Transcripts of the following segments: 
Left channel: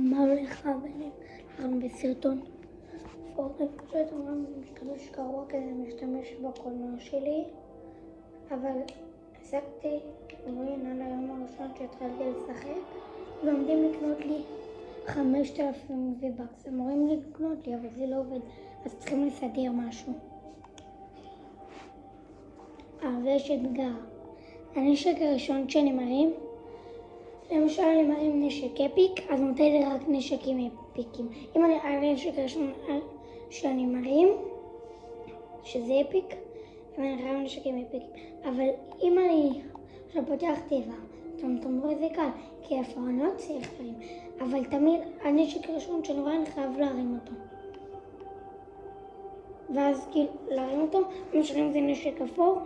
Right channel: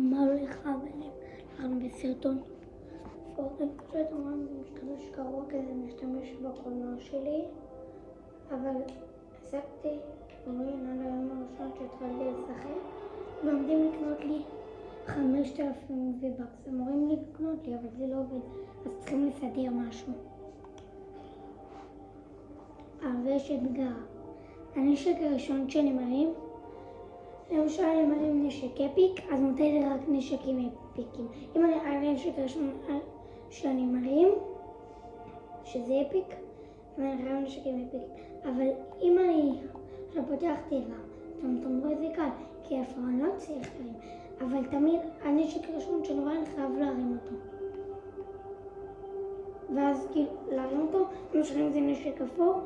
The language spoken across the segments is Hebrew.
מה הולך ביניהם? אנחנו בסרטון פורטים פשוט אומרים משתמש קרוע כזה משתמש בקולנוע שלי, אבל עסקתי אומרים לנו היום הראשון שהתחלתי לשחק ועומדים לקנות לי 5,000 V-Bucks. הם אומרים לי לקנות לי אבל זה לא עובד, אז צריכים לסדר משהו. אבל יש אתגר. הנשק הראשון שאני מרים, למשל אני מרים נשק אפיק, אז נותן לי רק נשקים אפיקים. אם אני הנשק הראשון שאני מרים, שזה אפיק, אם אני מרים נשקים אפיקים. אבל אם אני עכשיו פותח טבע, אתם רואים זה קל, כי הפרעונות צריך להרים. אבל תמיד הנשק הראשון שאני רואה אני חייב להרים אותו. ואז כאילו להרים אותו, למשל אם זה נשק אפור,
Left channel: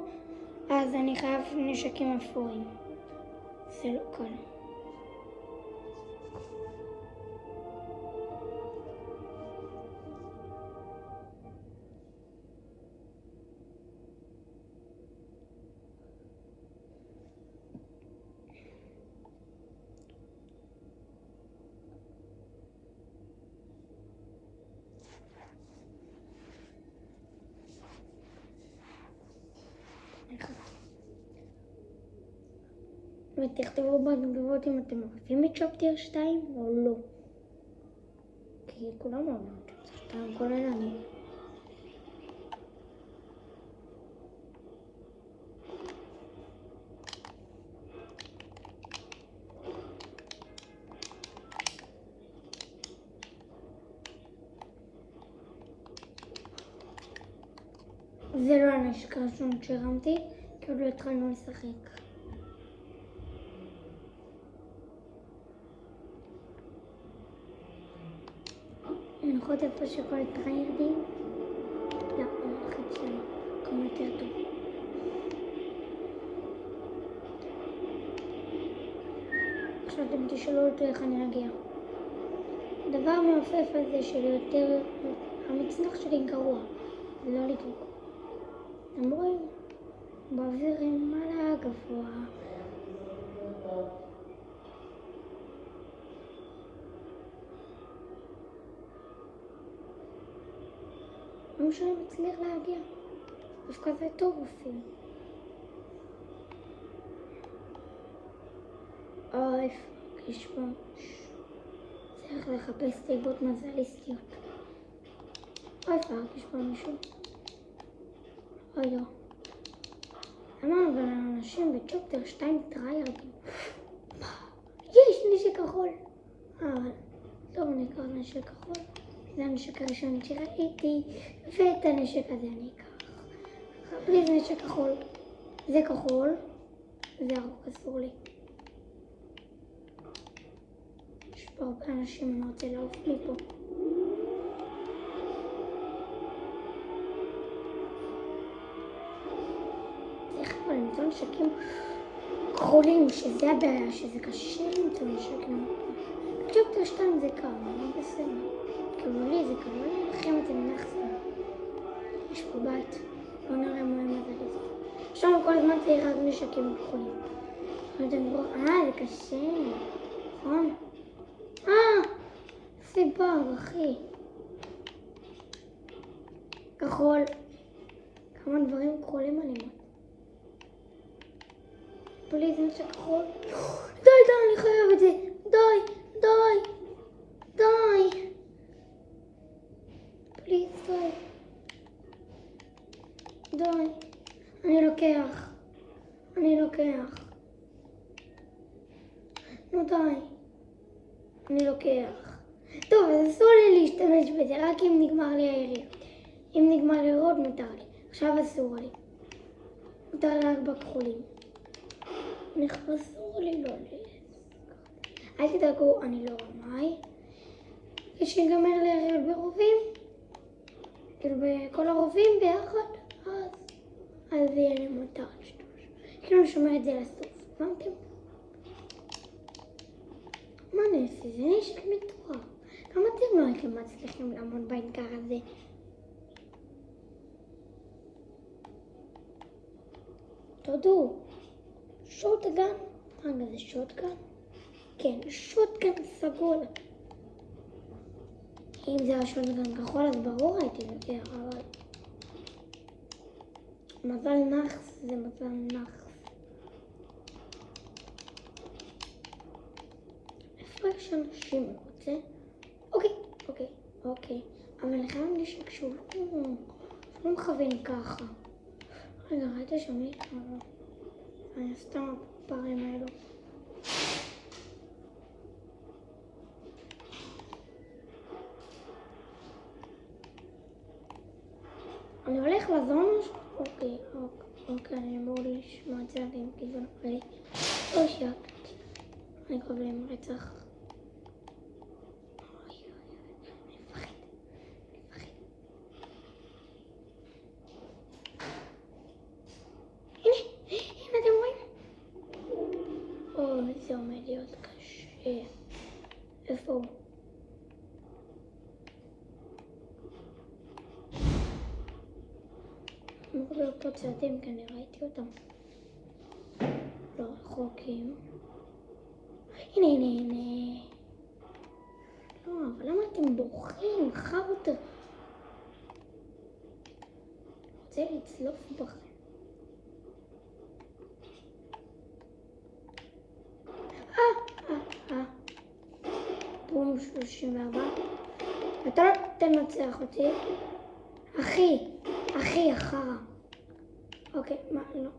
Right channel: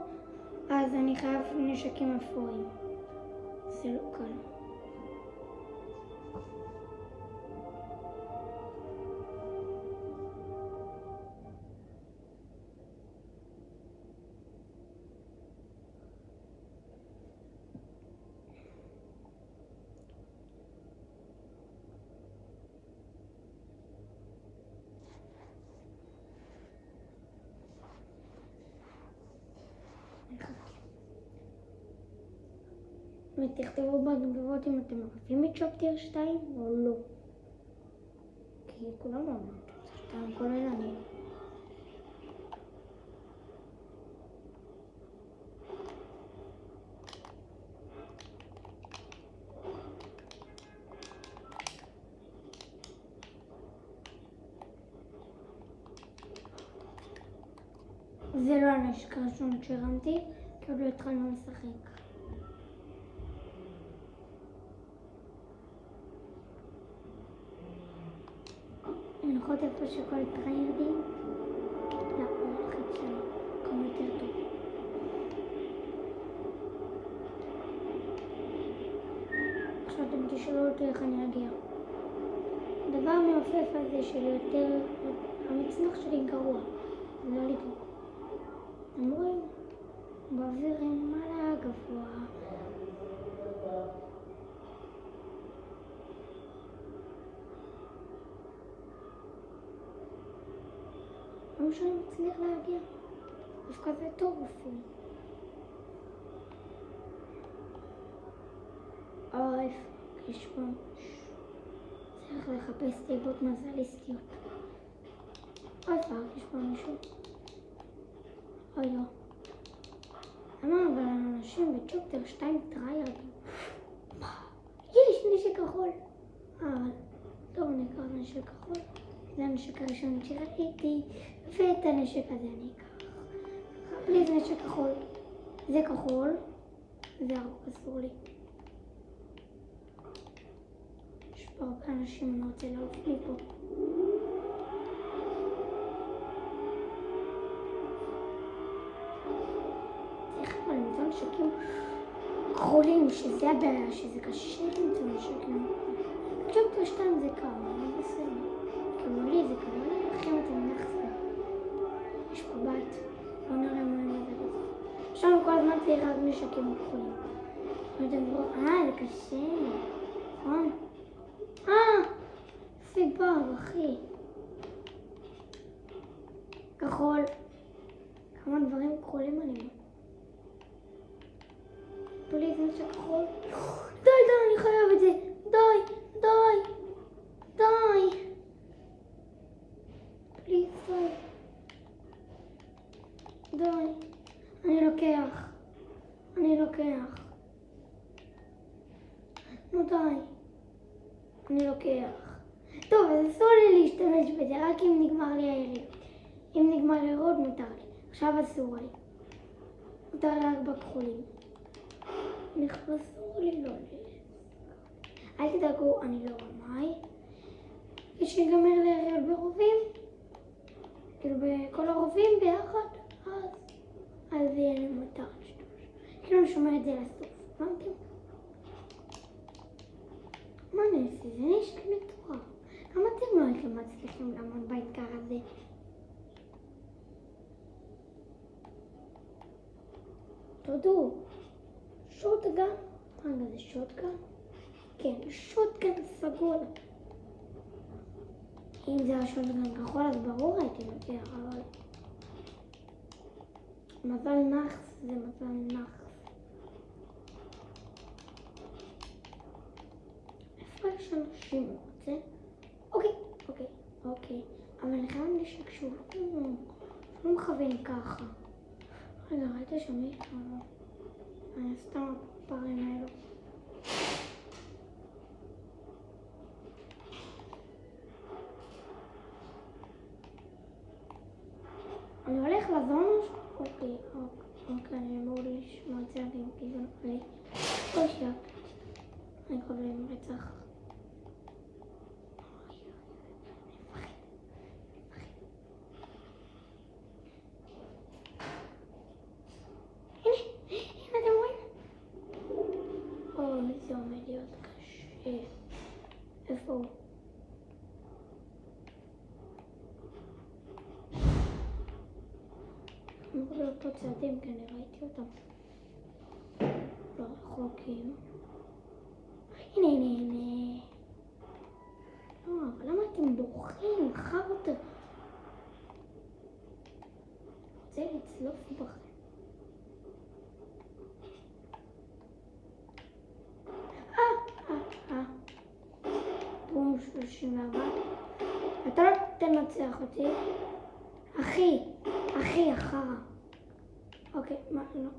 אז אני חייב נשקים אפורים. זה לא קל. ותכתבו בתגובות אם אתם אוהבים את צ'פטר 2 או לא. כי כולם אוהבים את צ'פטר 2, כולל אני. זה לא הנשק הראשון שהרמתי, כי עוד לא התחלנו לשחק. לנחות איפה שכל הטריידים? לא, אני הולכת שמקום יותר טוב. עכשיו אתם תשאלו אותי איך אני אגיע. הדבר המעופף הזה שלי יותר, המצנח שלי גרוע, זה לא לדרוק. אתם רואים? באוויר עם מלא גבוה. לא משנה מצליח להגיע. דווקא זה טוב אפילו. איפה יש פה? צריך לחפש סיבות מזליסטיות. איפה יש פה מישהו? לא. למה אבל האנשים בצ'פטר 2 טריירדים? יש נשק כחול. אבל לא נקרא נשק כחול. זה הנשק הראשון שראיתי, ואת הנשק הזה אני אקח. בלי זה נשק כחול. זה כחול, זה הרבה אסור לי. יש פה הרבה אנשים, אני רוצה לעוף מפה. צריך פה למצוא נשקים כחולים, שזה הבעיה, שזה קשה למצוא נשקים. צ'פטר 2 זה קל, לא בסדר. כאילו לי זה קל, לכם אתם נחסים. יש פה בית, בואו נראה מה אני יודעת את זה. עכשיו כל הזמן צריך רק נשקים כחולים. אתם רואים, זה קשה, נכון? זה באג, אחי. כחול. כמה דברים כחולים אני רואה. פליז נשק כחול. די, אני חייב את זה. די. פליז, די. אני לוקח. נו די. אני לוקח. טוב, אז אסור לי להשתמש בזה, רק אם נגמר לי היריד. אם נגמר לי עוד מותר לי. עכשיו אסור לי. מותר לי רק בכחולים. אסור לי לא אל תדאגו, אני לא רמאי. כשיגמר לי היריד ברובים, כאילו בכל הרובים ביחד, אז זה יהיה לי מותר להשתמש. כאילו אני שומר את זה לסוף, הבנתם? מה אני עושה? זה נשק מטורף. למה אתם לא הייתם מצליחים לעמוד באתגר הזה? תודו, שוטגן? רגע, זה שוטגן? כן, שוטגן סגול. אם זה היה שוטגן כחול אז ברור הייתי לוקח, אבל... מזל נחס זה מזל נחס. איפה יש אנשים רוצה? אוקיי. אבל אני חייב נשק שהוא לא מכוון ככה. רגע, ראית שם איתנו? אני סתם הפרפרים האלו. אני הולך לזון? אוקיי, אני אמור לשמוע את זה עדים, כי זה נראה לי. או שיעקתי. אני קורא להם רצח. הנה, אתם רואים? זה עומד להיות קשה. איפה הוא? אמור להיות פה צעדים, כי אני ראיתי אותם. לא רחוקים. הנה. לא, אבל למה אתם בורחים? חרטה. רוצה לצלוף בכם. בום 34. אתה לא תנצח אותי. אחי, אחרה. אוקיי, מה? לא.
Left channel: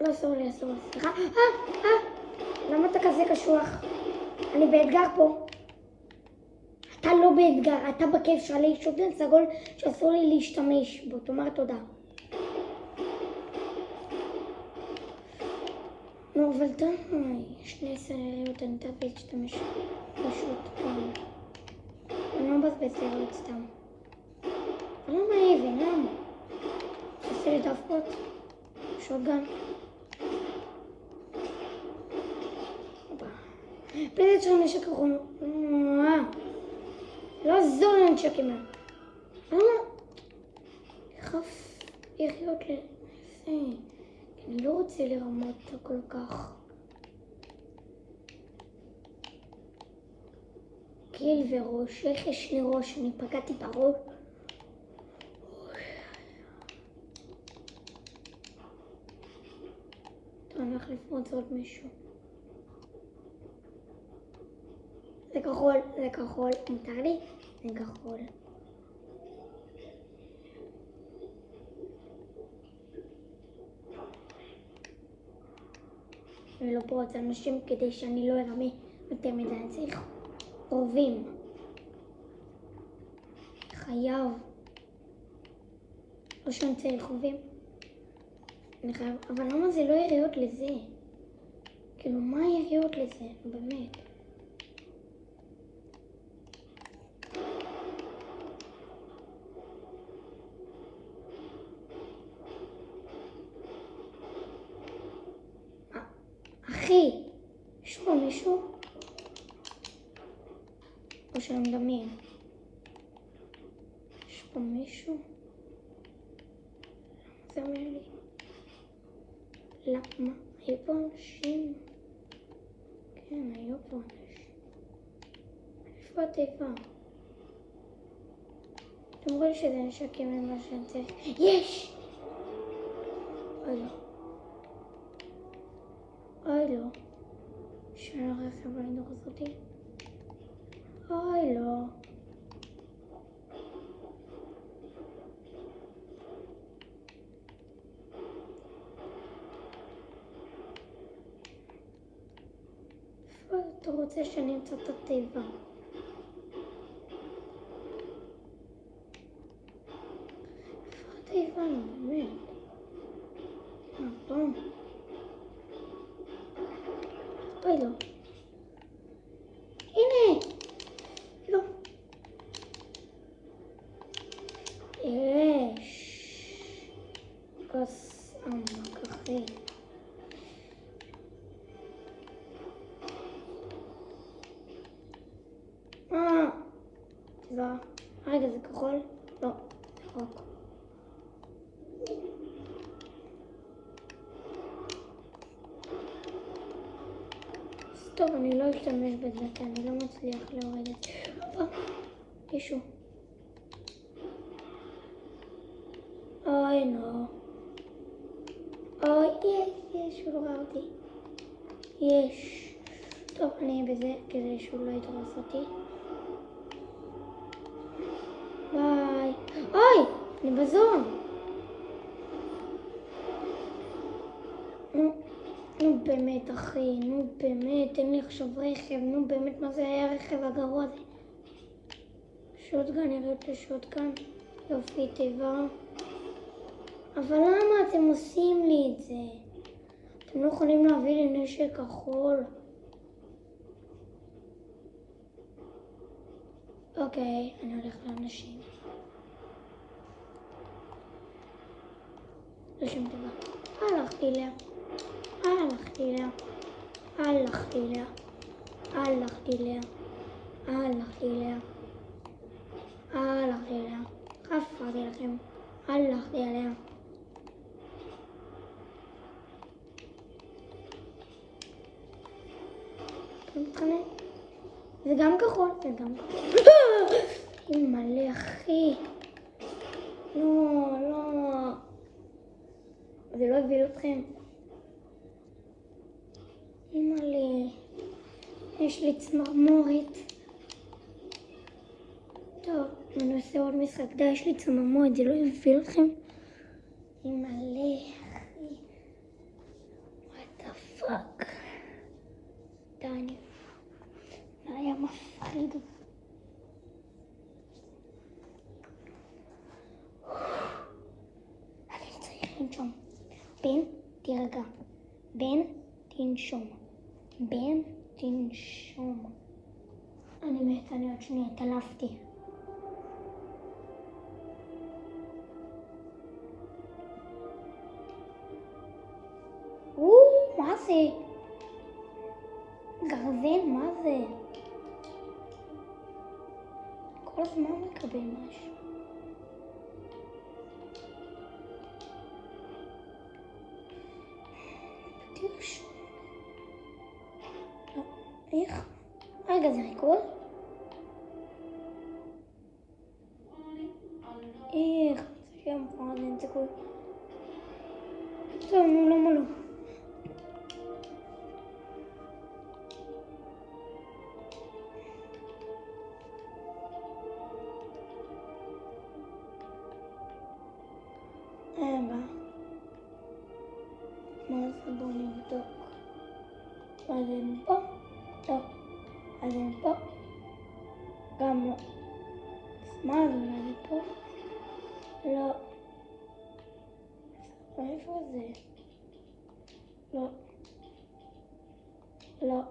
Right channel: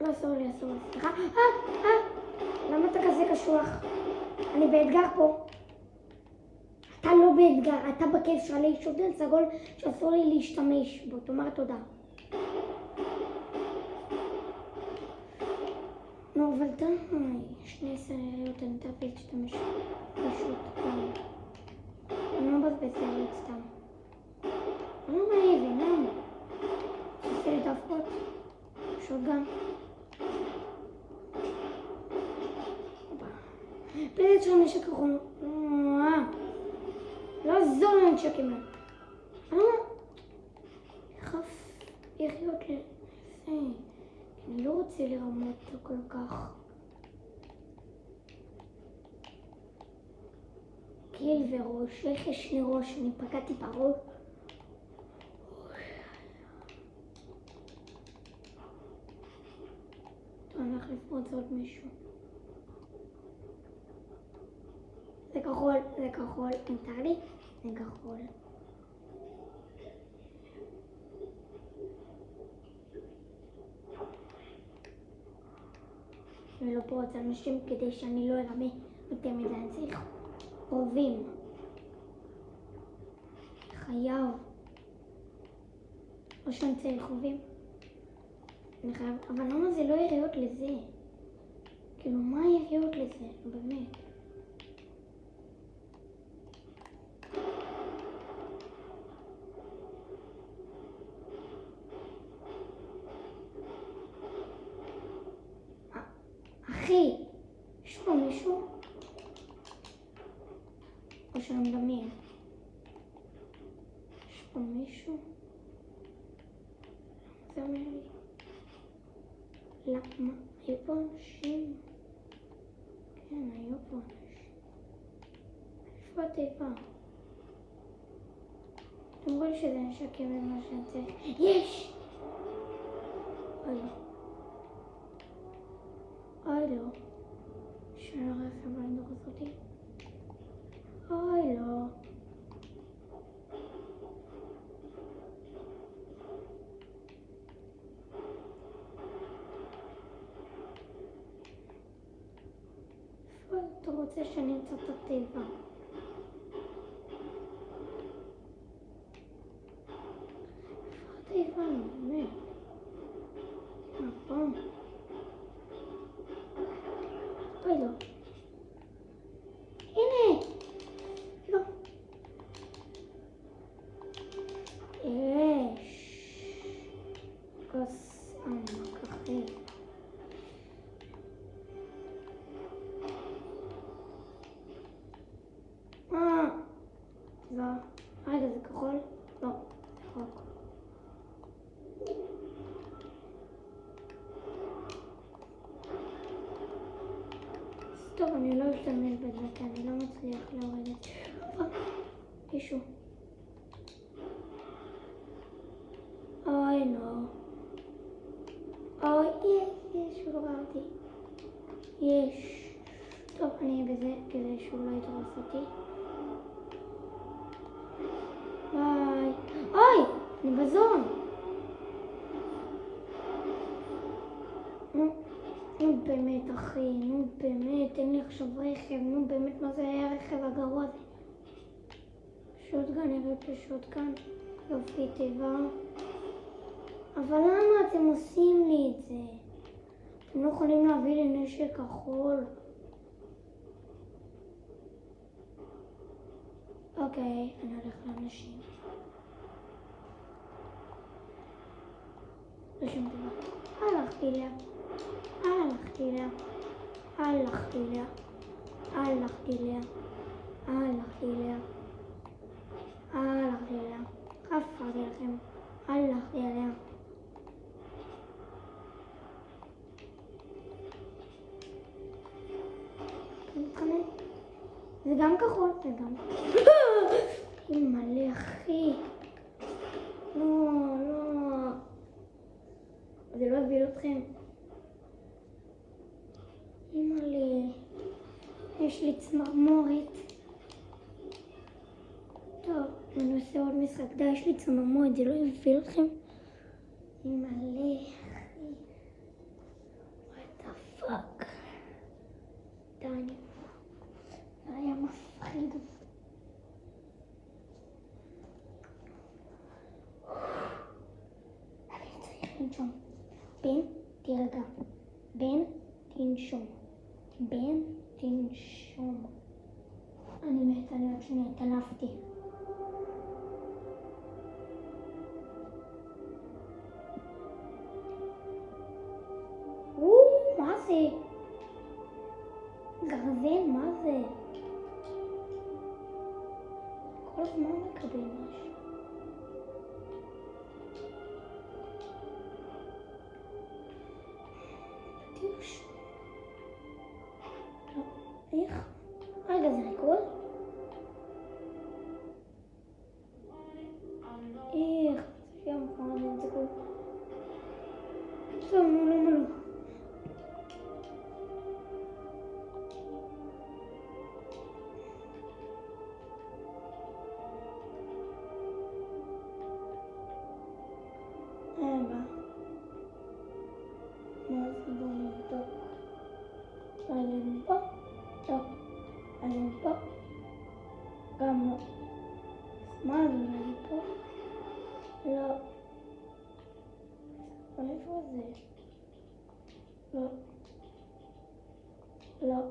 לא, אסור לי, סליחה. למה אתה כזה קשוח? אני באתגר פה. אתה לא באתגר, אתה בכיף שלי שוטגן סגול שאסור לי להשתמש בו. תאמר תודה. נו, אבל די. שני סריות, אני תאפס להשתמש פשוט. אני לא מבזבז סריות סתם. אני לא נאיב, למה? עשו לי דווקות. שוטגן. פלט של נשק אחרון. לא עזור לי נשקים האלה. חף לחיות לזה. אני לא רוצה לרמות כל כך. קיל וראש, איך יש לי ראש? אני פגעתי בראש. טוב, אני הולך לפרוץ עוד מישהו. זה כחול, מותר לי? זה כחול. אני לא פורץ אנשים כדי שאני לא ארמה יותר מדי. אני צריך רובים. חייב. לא שאני צריך רובים. אני חייב, אבל למה זה לא יריות לזה? כאילו, מה יריות לזה? באמת. אחי, יש פה מישהו? או שאני מדמיין? יש פה מישהו? זה אומר לי. למה? היו פה אנשים? כן, היו פה אנשים. איפה התיבה? אתם רואים שזה נשקים למה שאני צריך. יש! אוי לא. שאני לא רכב בנדוק הזאתי. אוי לא. איפה אתה רוצה שאני אמצא את התיבה? איפה התיבה? באמת. נכון. אוי לא. הנה! לא. יש. כוס עמק אחרי. לא. רגע, זה כחול? לא. ירוק. טוב, אני לא אשתמש בזה, כי אני לא מצליח להוריד את זה. מישהו. אוי, לא. אוי, יש, הוא לא ראה אותי. יש. טוב, אני בזה, כדי שהוא לא יתרס אותי. ביי. אוי, אני בזון. נו באמת אחי, נו באמת, אין לי עכשיו רכב, נו באמת, מה זה היה הרכב הגרוע הזה? שוטגן, ירד לשוטגן, יופי טבע. אבל למה אתם עושים לי את זה? אתם לא יכולים להביא לי נשק כחול. אוקיי, אני הולך לאנשים. לא שום דבר. הלכתי לה. הלכתי לה. הלכתי לה. הלכתי לה. הלכתי לה. הלכתי לה. חפרתי לכם. הלכתי עליה. זה גם כחול, זה גם כחול. מלא אחי. לא, לא. זה לא הביל אתכם. מלא. יש לי צמרמורת. טוב, אני עושה עוד משחק. די, יש לי צמרמורת, זה לא הביל אתכם. מלא אחי. What the fuck. די. זה היה מפחיד. אני צריך לנשום. בן, תירגע. בן, תנשום. בן, תנשום. אני מתה, אני עוד שנייה, התעלפתי. מה זה? גרזן, מה זה? כל הזמן מקבל משהו. תרשום. לא, איך? רגע, זה ריקוד? איך? זה שם פעם, זה כל... טוב, נו, למה לא? מה זה? בואו נבדוק. אז אני פה? טוב. אז אני פה? גם לא. מה זה? אני פה? לא. איפה זה? לא. לא.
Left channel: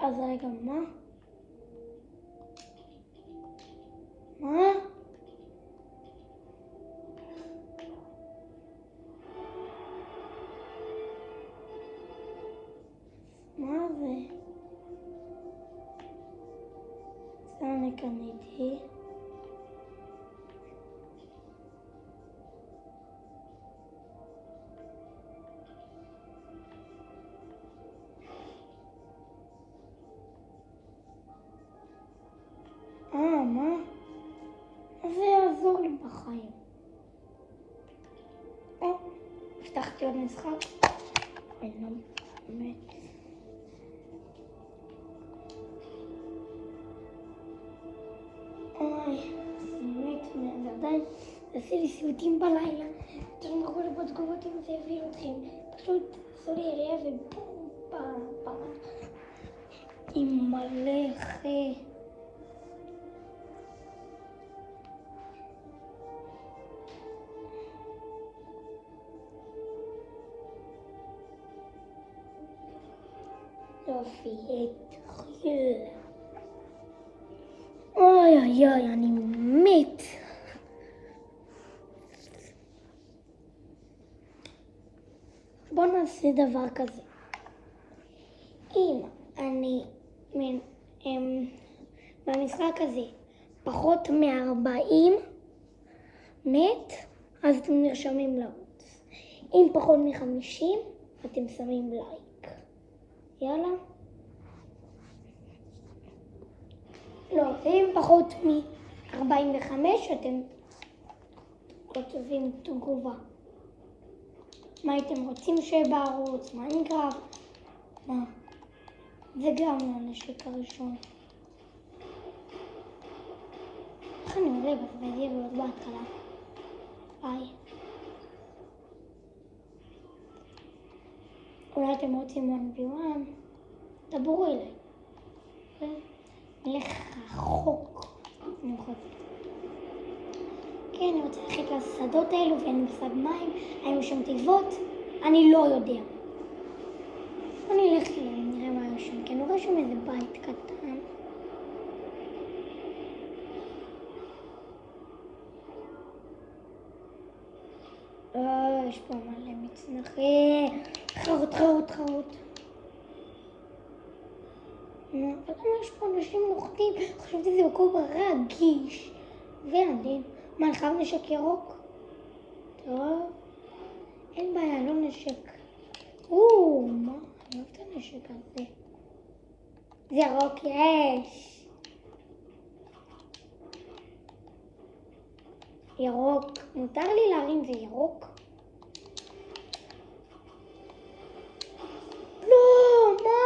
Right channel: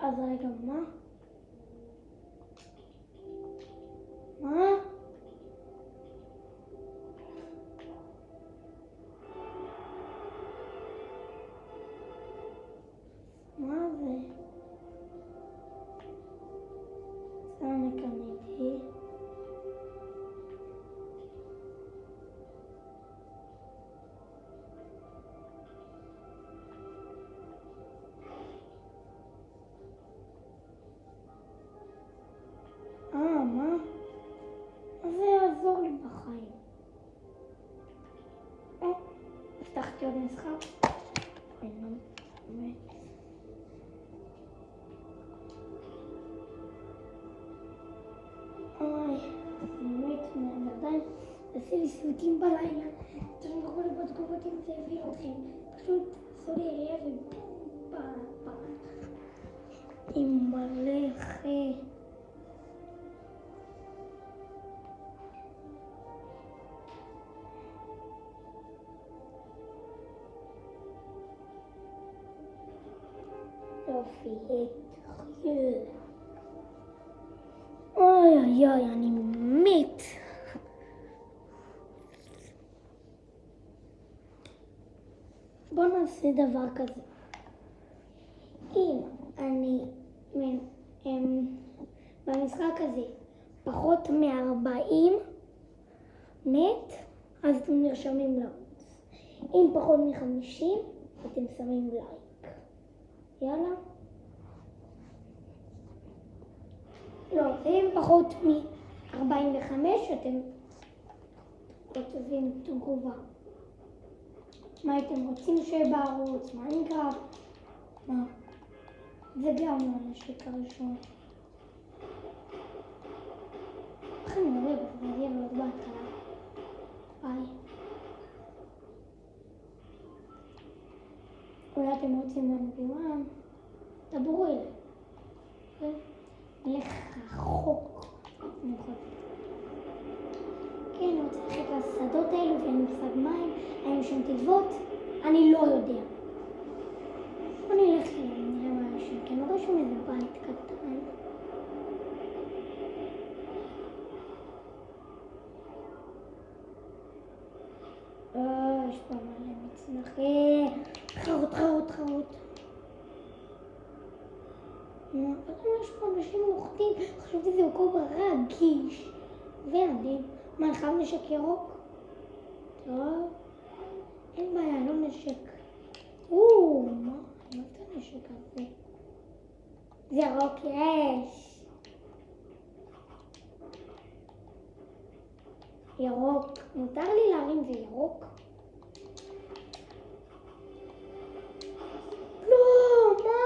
אז רגע, מה? מה? מה זה? זה אני קניתי. מה? זה יעזור לי בחיים. הבטחתי עוד משחק. באמת. עדיין עשי לי סיוטים בלילה. תשמעו לי בתגובות אם זה הביא אתכם. פשוט עשו לי אליה ובום, פעם. עם מלא אחי. יופי, התחיל. אוי, אני מת. בואו נעשה דבר כזה. אם אני במשחק הזה פחות מ-40 נט, אז אתם נרשמים לערוץ. אם פחות מ-50, אתם שמים לייק. יאללה. לא, אם פחות מ-45 אתם כותבים תגובה. מה הייתם רוצים שיהיה בערוץ? מיינקראפט? מה? זה גם לא הנשק הראשון. איך אני עולה בזה ועוד בהתחלה? ביי. אולי אתם רוצים לנביאם? דברו אליי. נלך רחוק. כן, אני רוצה ללכת לשדות האלו ואין מושג מים. האם יש שם תיבות? אני לא יודע. בוא נלך אליהם, נראה מה יש שם. כי אני רואה שם איזה בית קטן. יש פה מלא מצנחים. חרוט. אבל יש פה אנשים נוחתים. חשבתי זה מקום רגיש. וילדים. מה, אני חייב נשק ירוק? טוב. אין בעיה, לא נשק. מה? אני אוהב את הנשק הזה. זה ירוק, יש. ירוק. מותר לי להרים זה ירוק? לא, מה?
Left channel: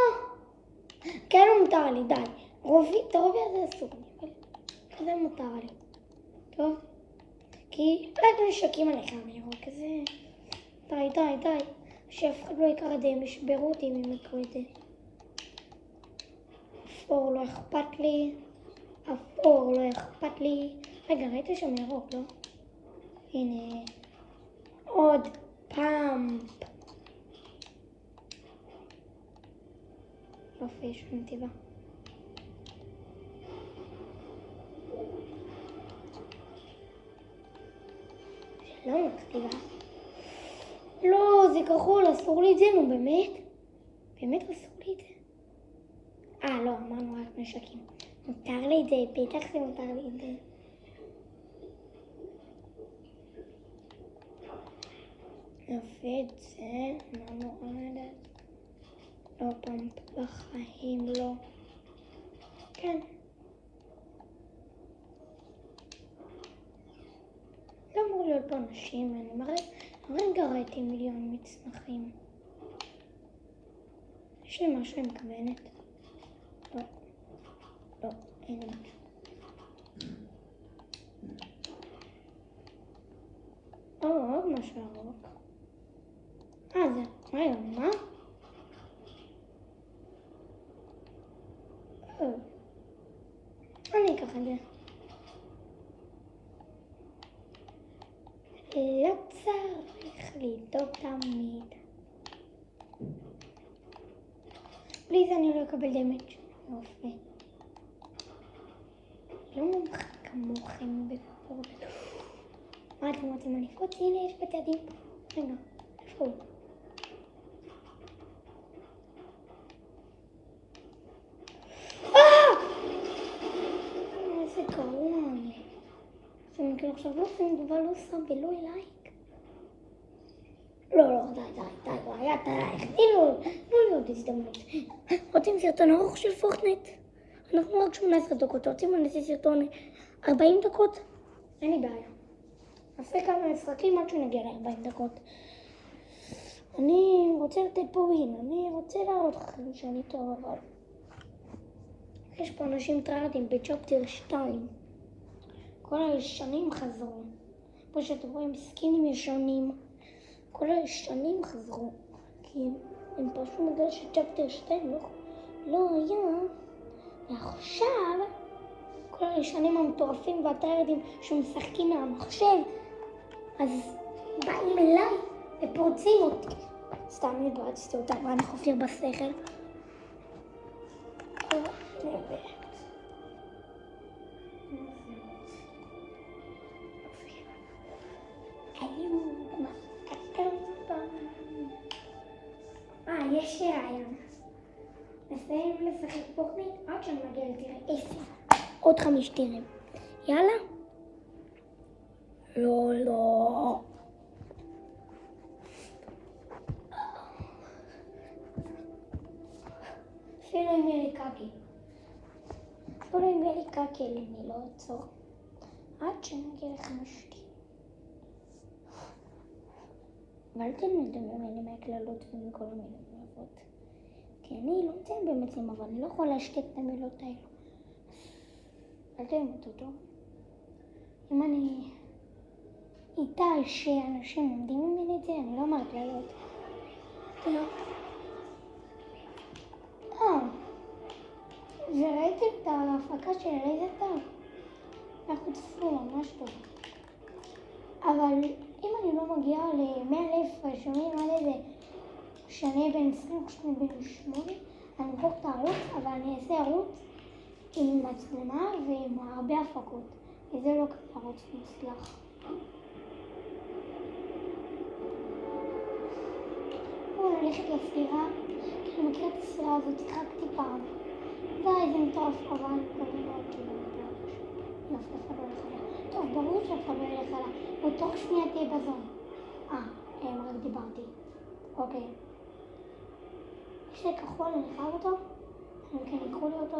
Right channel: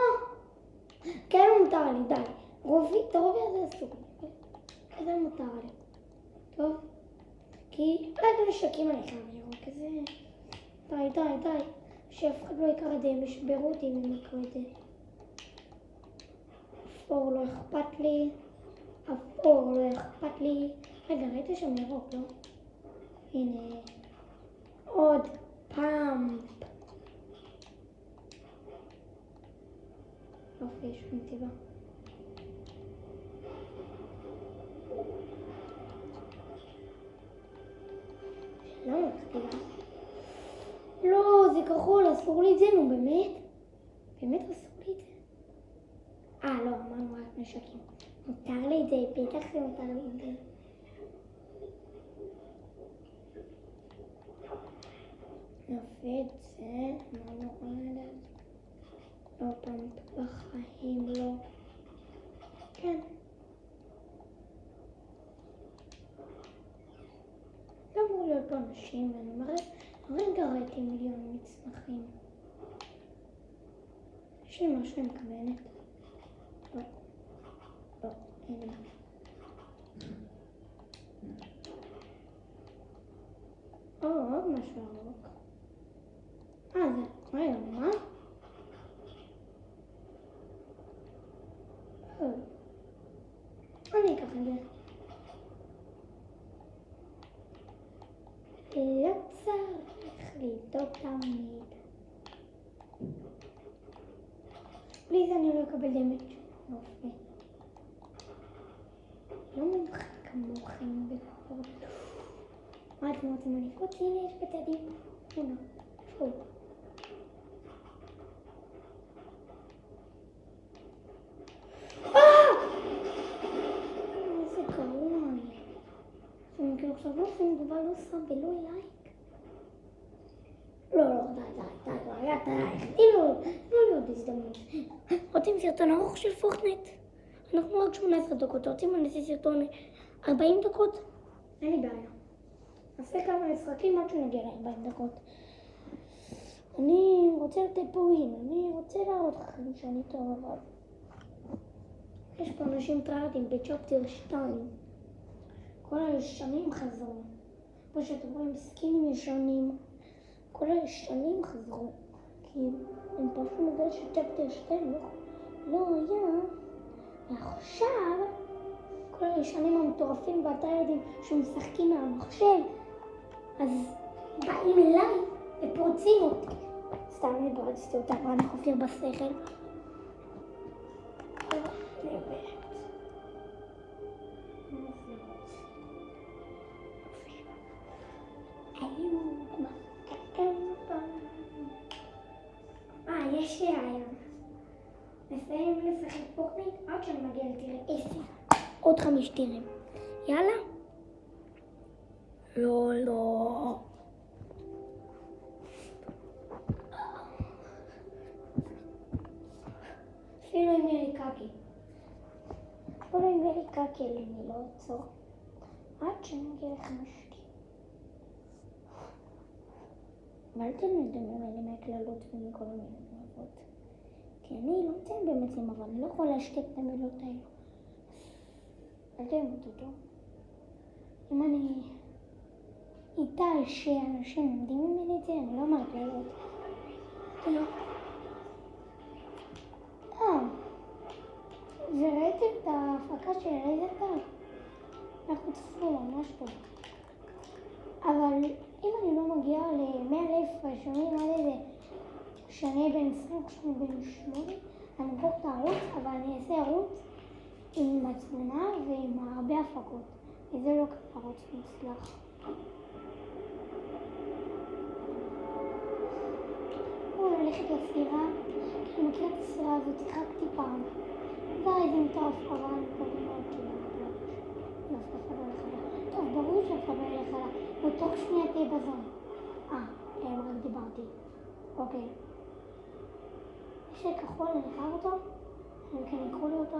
כן, מותר לי, די. את הרובי הזה אסור. זה מותר לי. טוב. כי רק נשקים אני חייב ירוק. כזה... די. שאף אחד לא יקרא את זה, הם ישברו אותי אם הם יקראו את זה. אפור לא אכפת לי. רגע, ראית שם ירוק, לא? הנה. עוד פעם. יופי, יש נתיבה. למה נתיבה? לא, זה כחול, אסור לי את זה, נו באמת? באמת אסור לי את זה? לא, אמרנו רק נשקים. מותר לי את זה, בטח זה מותר לי את זה. יופי את זה, אמרנו עלת. לא פעם בחיים, לא. כן. לא אמור להיות פה אנשים, אני הרגע ראיתי מיליון מצנחים. יש לי משהו עם כוונת? לא, אין לי. עוד משהו ירוק. זה, מה? אני אקח את זה. לא צריך לדאוג תמיד. בלי זה אני לא אקבל דמג'. יופי. לא מומחה כמוכם בכל. מה אתם רוצים לנפות? הנה יש בצדים. רגע, איפה הוא? איזה גרוע. זה מכיר עכשיו לא עושים דבר לא שם ולא לייק. לא, די, לא להיות הזדמנות. רוצים סרטון ארוך של פורטנייט? אנחנו רק 18 דקות, רוצים לנסי סרטון 40 דקות? אין לי בעיה. נעשה כמה משחקים עד שנגיע ל-40 דקות. אני רוצה לתת פה ווין, אני רוצה להראות לכם שאני טוב, אבל... יש פה אנשים טרלדים בצ'פטר 2. כל הישנים חזרו. כמו שאתם רואים, סקינים ישנים. כל הישנים חזרו. כי הם פשוט בגלל שצ'פטר 2 לא היה. ועכשיו, כל הישנים המטורפים והטרלדים שמשחקים מהמחשב, אז באים אליי ופורצים אותי. סתם התברצתי אותה, מה אני חופר בשכל. יש לי רעיון. נסיים לשחק פורטנייט עד שאני מגיע לטיר 10. עוד 5 טירים. יאללה? לא. אפילו אם יהיה לי קקי. אפילו אם יהיה לי קקי, אני לא אעצור. עד שנגיע ל-50. ואל תלמדו ממני מהקללות ומכל מיני מילות. כי אני לא רוצה באמת למעבר, אני לא יכולה להשתק את המילות האלה. אל תלמד אותו. אם אני איתה שאנשים לומדים ממני את זה, אני לא מהקללות. וראיתם את ההפקה של איזה טעם? אנחנו צפו ממש טוב. אבל אם אני לא מגיעה ל-100,000 רשומים על איזה שאני אהיה בין 20 כשאני בן 8, אני אבדוק את הערוץ, אבל אני אעשה ערוץ עם מצלמה ועם הרבה הפקות. וזה לא כזה ערוץ מוצלח. בואו נלכת לספירה, כי אני מכיר את הספירה הזאת, שיחקתי פעם. די, זה מטורף, אבל טוב, ברור שאתה בלך עליי. בתוך שנייה תהיה בזון. רק דיברתי. אוקיי. יש לי כחול, נראה אותו? אני כן יקחו לי אותו.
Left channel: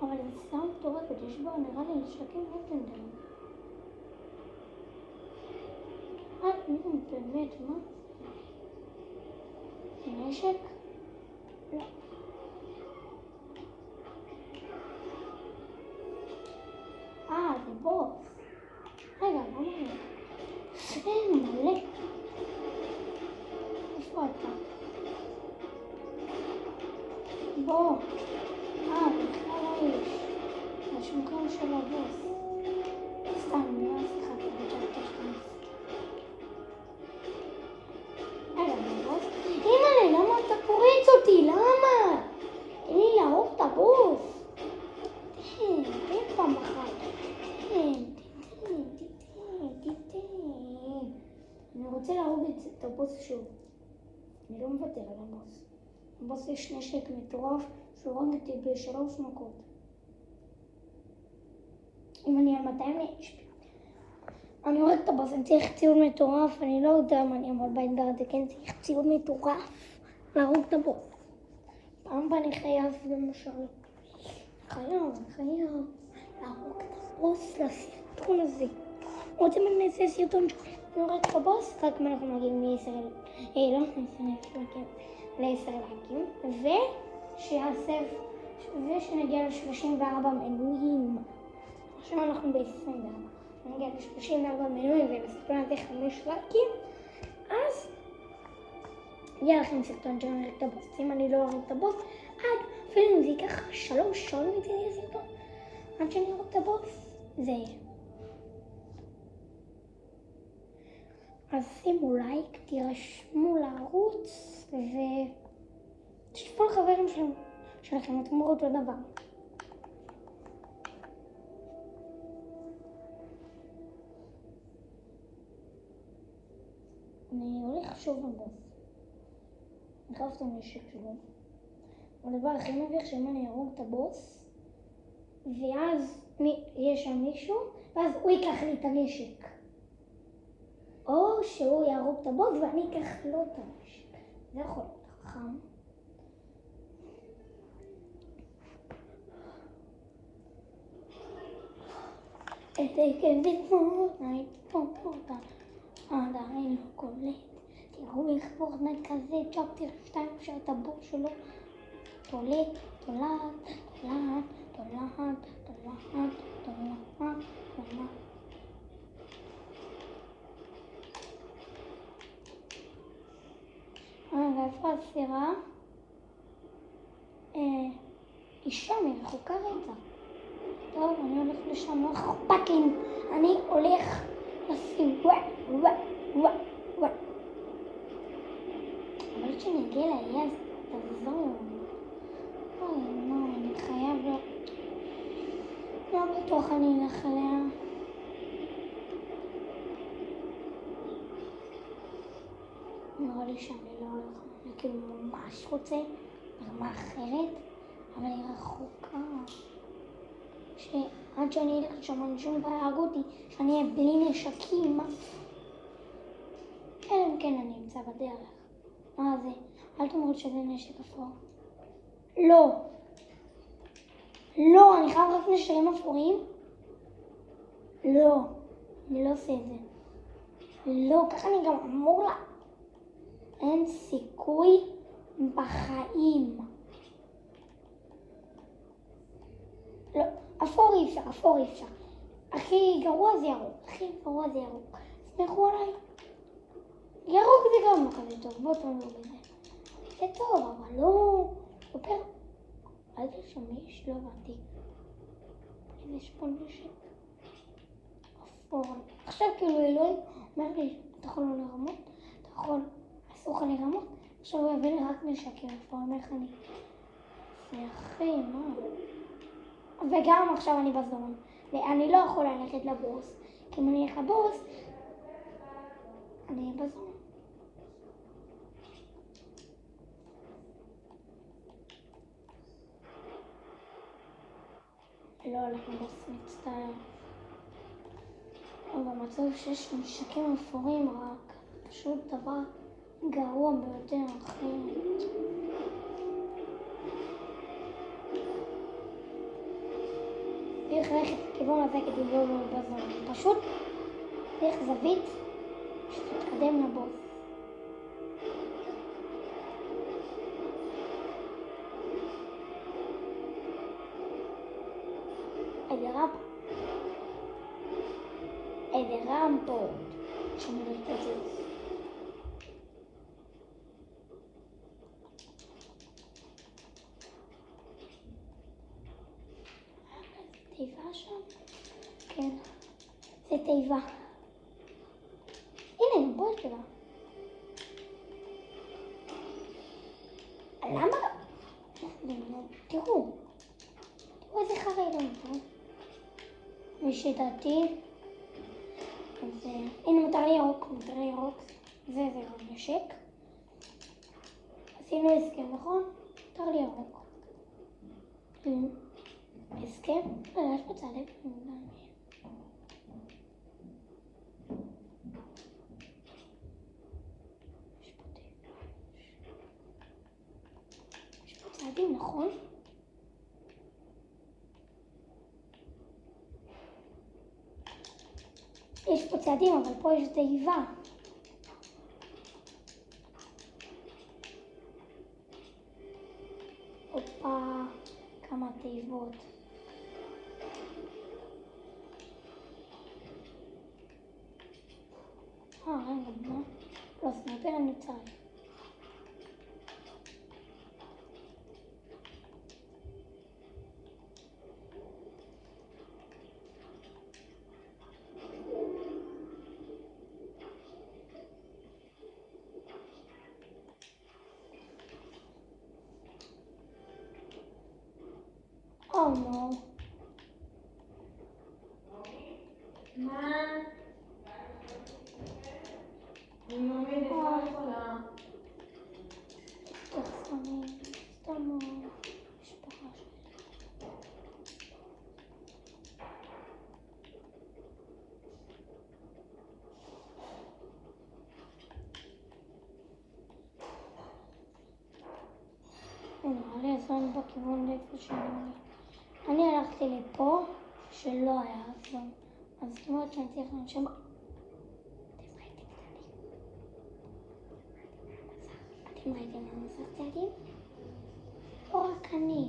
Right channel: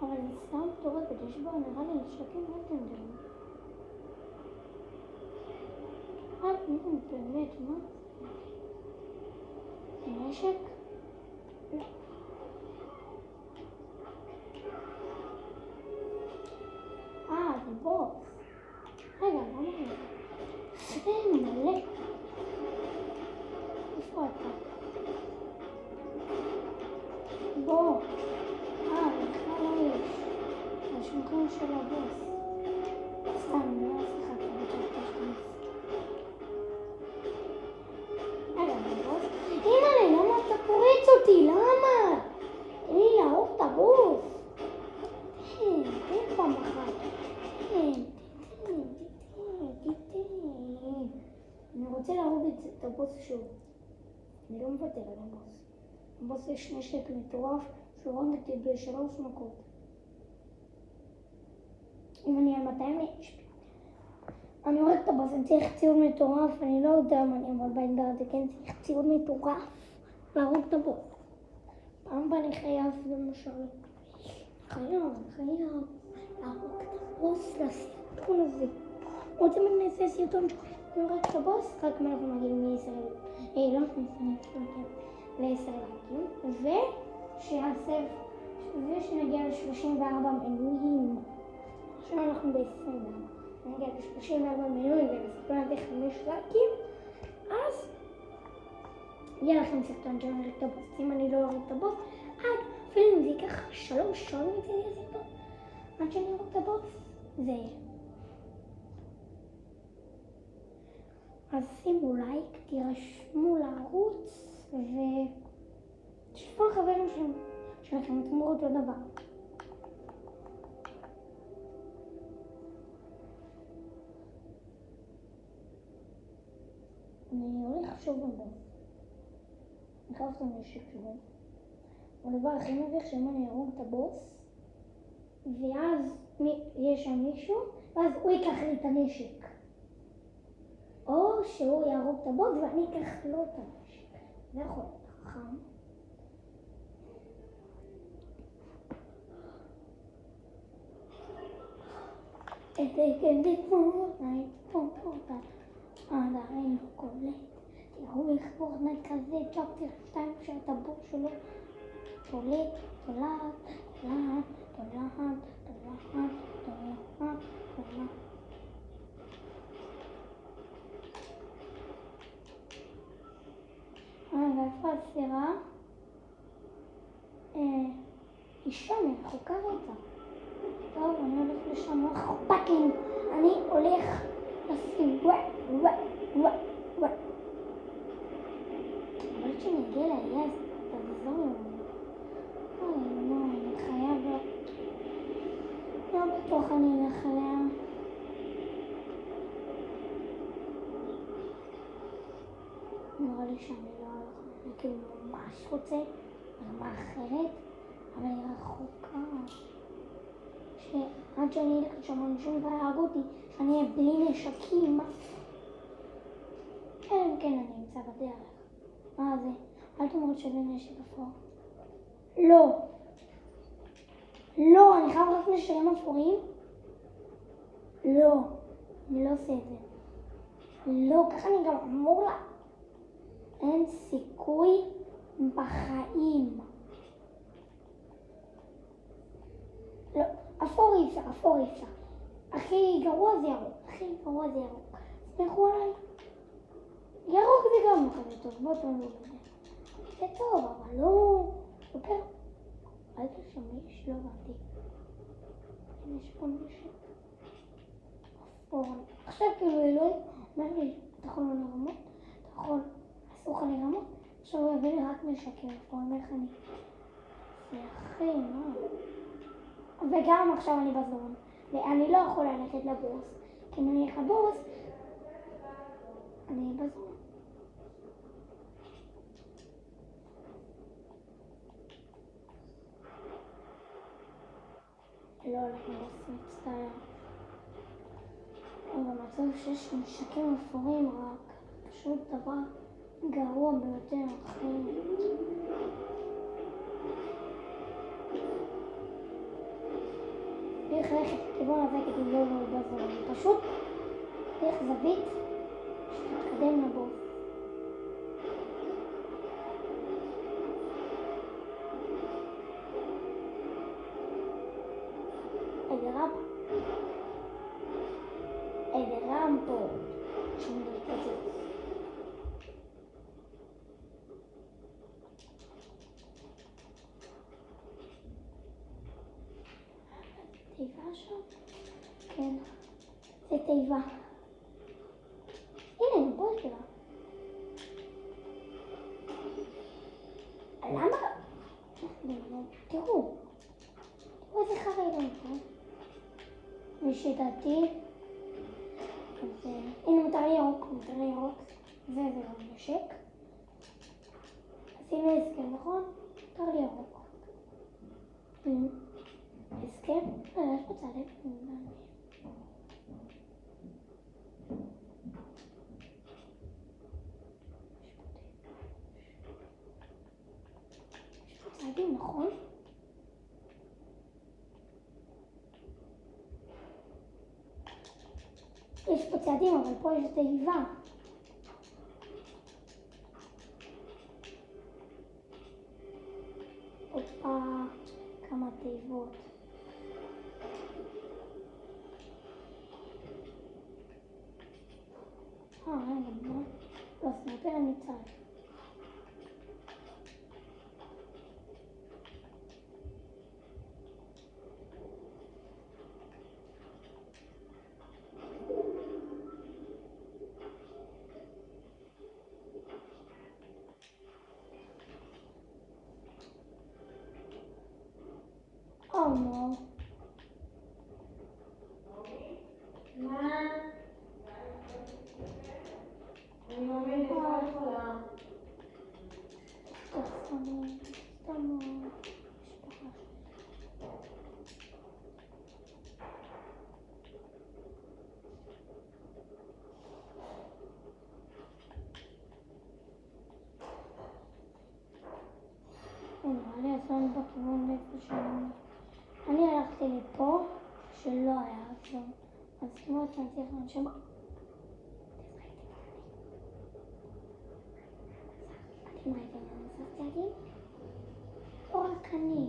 אבל זה סתם מטורפת, יש בו נראה לי נשקים לטנדר. באמת, מה? זה נשק? לא. זה בוס. רגע, לא מלא. מלא. איפה אתה? בוא. בכלל לא יש. יש מקום של הבוס. סתם, לא שיחקתי עד שאתה תכנס. בוס. אימא'לה, למה אתה פורץ אותי? למה? תן לי להרוג את הבוס. תן פעם אחת. אני רוצה להרוג את הבוס שוב. אני לא מוותר על הבוס. הבוס יש נשק מטורף שהורג אותי ב3 מכות. אם אני על 200 יש לי. אני הורג את הבוס, אני צריך ציון מטורף. אני לא יודע אם אני אעמוד באתגר הזה, כן צריך ציון מטורף להרוג את הבוס. פעם הבאה אני חייב למשל. חייב להרוג את הבוס לסרטון הזה. רוצים אם נעשה סרטון נורא את הבוס, רק אם אנחנו מגיעים ל10 לייקים, ושנגיע ל34 מנויים. עכשיו אנחנו ב-24. נגיע ל34 מנויים ובסרטון הזה 5 לייקים, אז יהיה לכם סרטון שאני אראה את הבוס. אם אני לא אראה את הבוס, אפילו אם זה ייקח 3 שעות את הסרטון עד שאני אראה את הבוס, זה יהיה. אז שימו לייק, תירשמו לערוץ ותשתפו לחברים שלכם, אתם אומרים אותו דבר. אני הולך שוב בבוס. אני חייב את הנשק שלו. הדבר הכי מביך שאם אני ארוג את הבוס, ואז יש שם מישהו, ואז הוא ייקח לי את הנשק. או שהוא יהרוג את הבוס ואני אקח לו את הנשק. זה יכול להיות חכם. את הכבד פורטנייט, פורטה. עדיין לא קולה. תראו איך פורטנייט כזה, צ'פטר 2 שאת הבוס שלו. תולט, תולט. ואיפה הספירה? אישה מרחוקה רצה. טוב, אני הולך לשם, לא אכפת לי. אני הולך לספירה. אבל כשנגיע לאי אז תחזור. אני חייב לו. לא בטוח אני אלך אליה. נראה לי שאני לא הולך. אני כאילו ממש רוצה ברמה אחרת, אבל היא רחוקה. עד שאני אלך לשם אנשים ויהרגו אותי, שאני אהיה בלי נשקים. אלא אם כן אני אמצא בדרך. מה זה? אל תאמרו שזה נשק אפור. לא. לא, אני חייב רק נשרים אפורים? לא. אני לא עושה את זה. לא, ככה אני גם אמור לה. אין סיכוי בחיים. לא, אפור אי אפשר, אפור אי אפשר. הכי גרוע זה ירוק, הכי גרוע זה ירוק. סמכו עליי. ירוק זה גם כזה טוב, בוא תאמרו בזה. זה טוב, אבל לא... יותר... אל תשמיש, לא הבנתי. יש פה נשק. אפור. עכשיו כאילו אלוהים אומר לי, אתה יכול לא לרמות, אתה יכול... אסור לך לרמות. עכשיו הוא יביא לי רק נשקים, אפור, אומר לך אני... זה אחי, מה? וגם עכשיו אני בזדון. ואני לא יכולה ללכת לבוס, כי אם אני אלך לבוס, אני אהיה בזדון. לא הולך לבוס, מצטער. אבל מצאו שיש נשקים אפורים רק, פשוט דבר גרוע ביותר, אחי. צריך ללכת לכיוון הזה כדי לא להיות בזמן. פשוט דרך זווית שתתקדם לבוס. איזה רמפות שמתפוצץ. תיבה שם? כן, זה תיבה. הנה, בוא תיבה. למה? תראו איזה חרדון, ושדעתי הנה מותר לי ירוק, זה גם נשק. עשינו הסכם, נכון? מותר לי ירוק. הסכם? יש פה צעדי פנימה. יש פה צעדים, נכון? יש פה צעדים, אבל פה יש תיבה. הופה, כמה תיבות. רגע, לא, סניפר אני צריך. Oh no. נראה לי עשינו בכיוון לאיפה שאני הלכתי לפה שלא היה עצום, אז זאת אומרת שאני צריך לנשום. אתם ראיתם מה נוסף צעדים? או רק אני?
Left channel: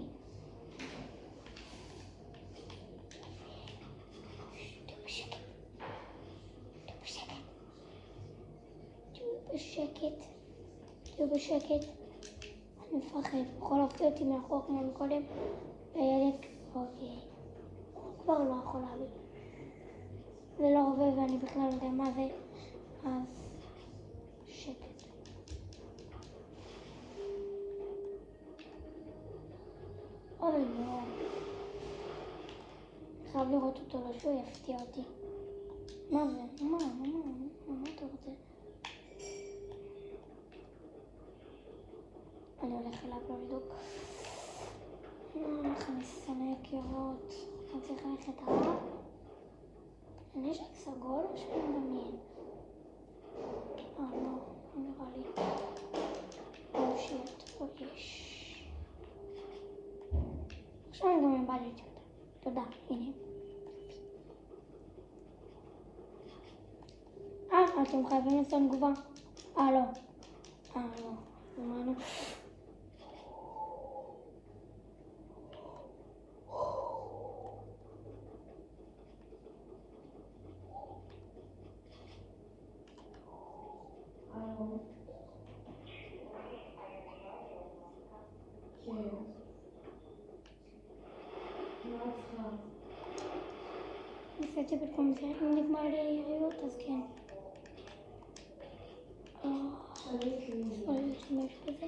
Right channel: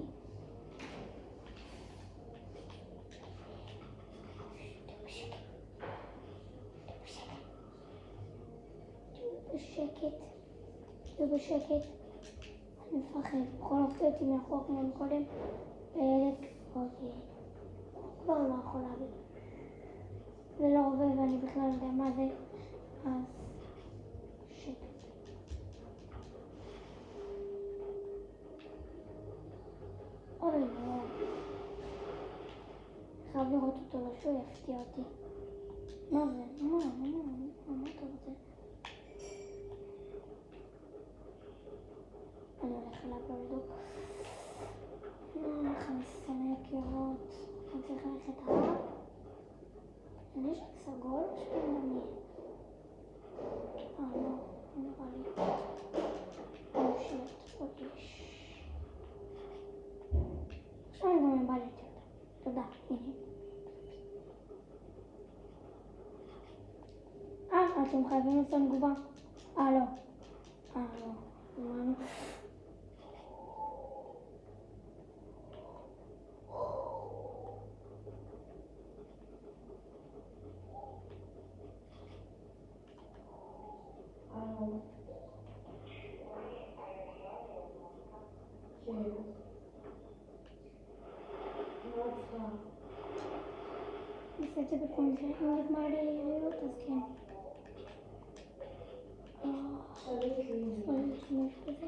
תהיו בשקט. אני מפחד, יכול להפתיע אותי מאחור כמו מקודם. אוקיי. כבר לא יכול להביא. זה לא רובה ואני בכלל לא יודע מה זה. אז שקט. אוי לא. חייב לראות אותו לא שהוא יפתיע אותי. מה זה? מה אתה רוצה? אני הולך אליו לבדוק. איך אני שונא קירות. אני צריך ללכת עליו. אני יש רק סגול או שהוא מעניין? לא, נראה לי. או שיט, או יש. עכשיו אני גם איבדתי אותה. תודה, הנה. אתם חייבים לעשות תגובה. לא. אמרנו. ניסיתי בפעם זה, אם נגמר לי היריעות, אז כן. אולי להשתמש בזה.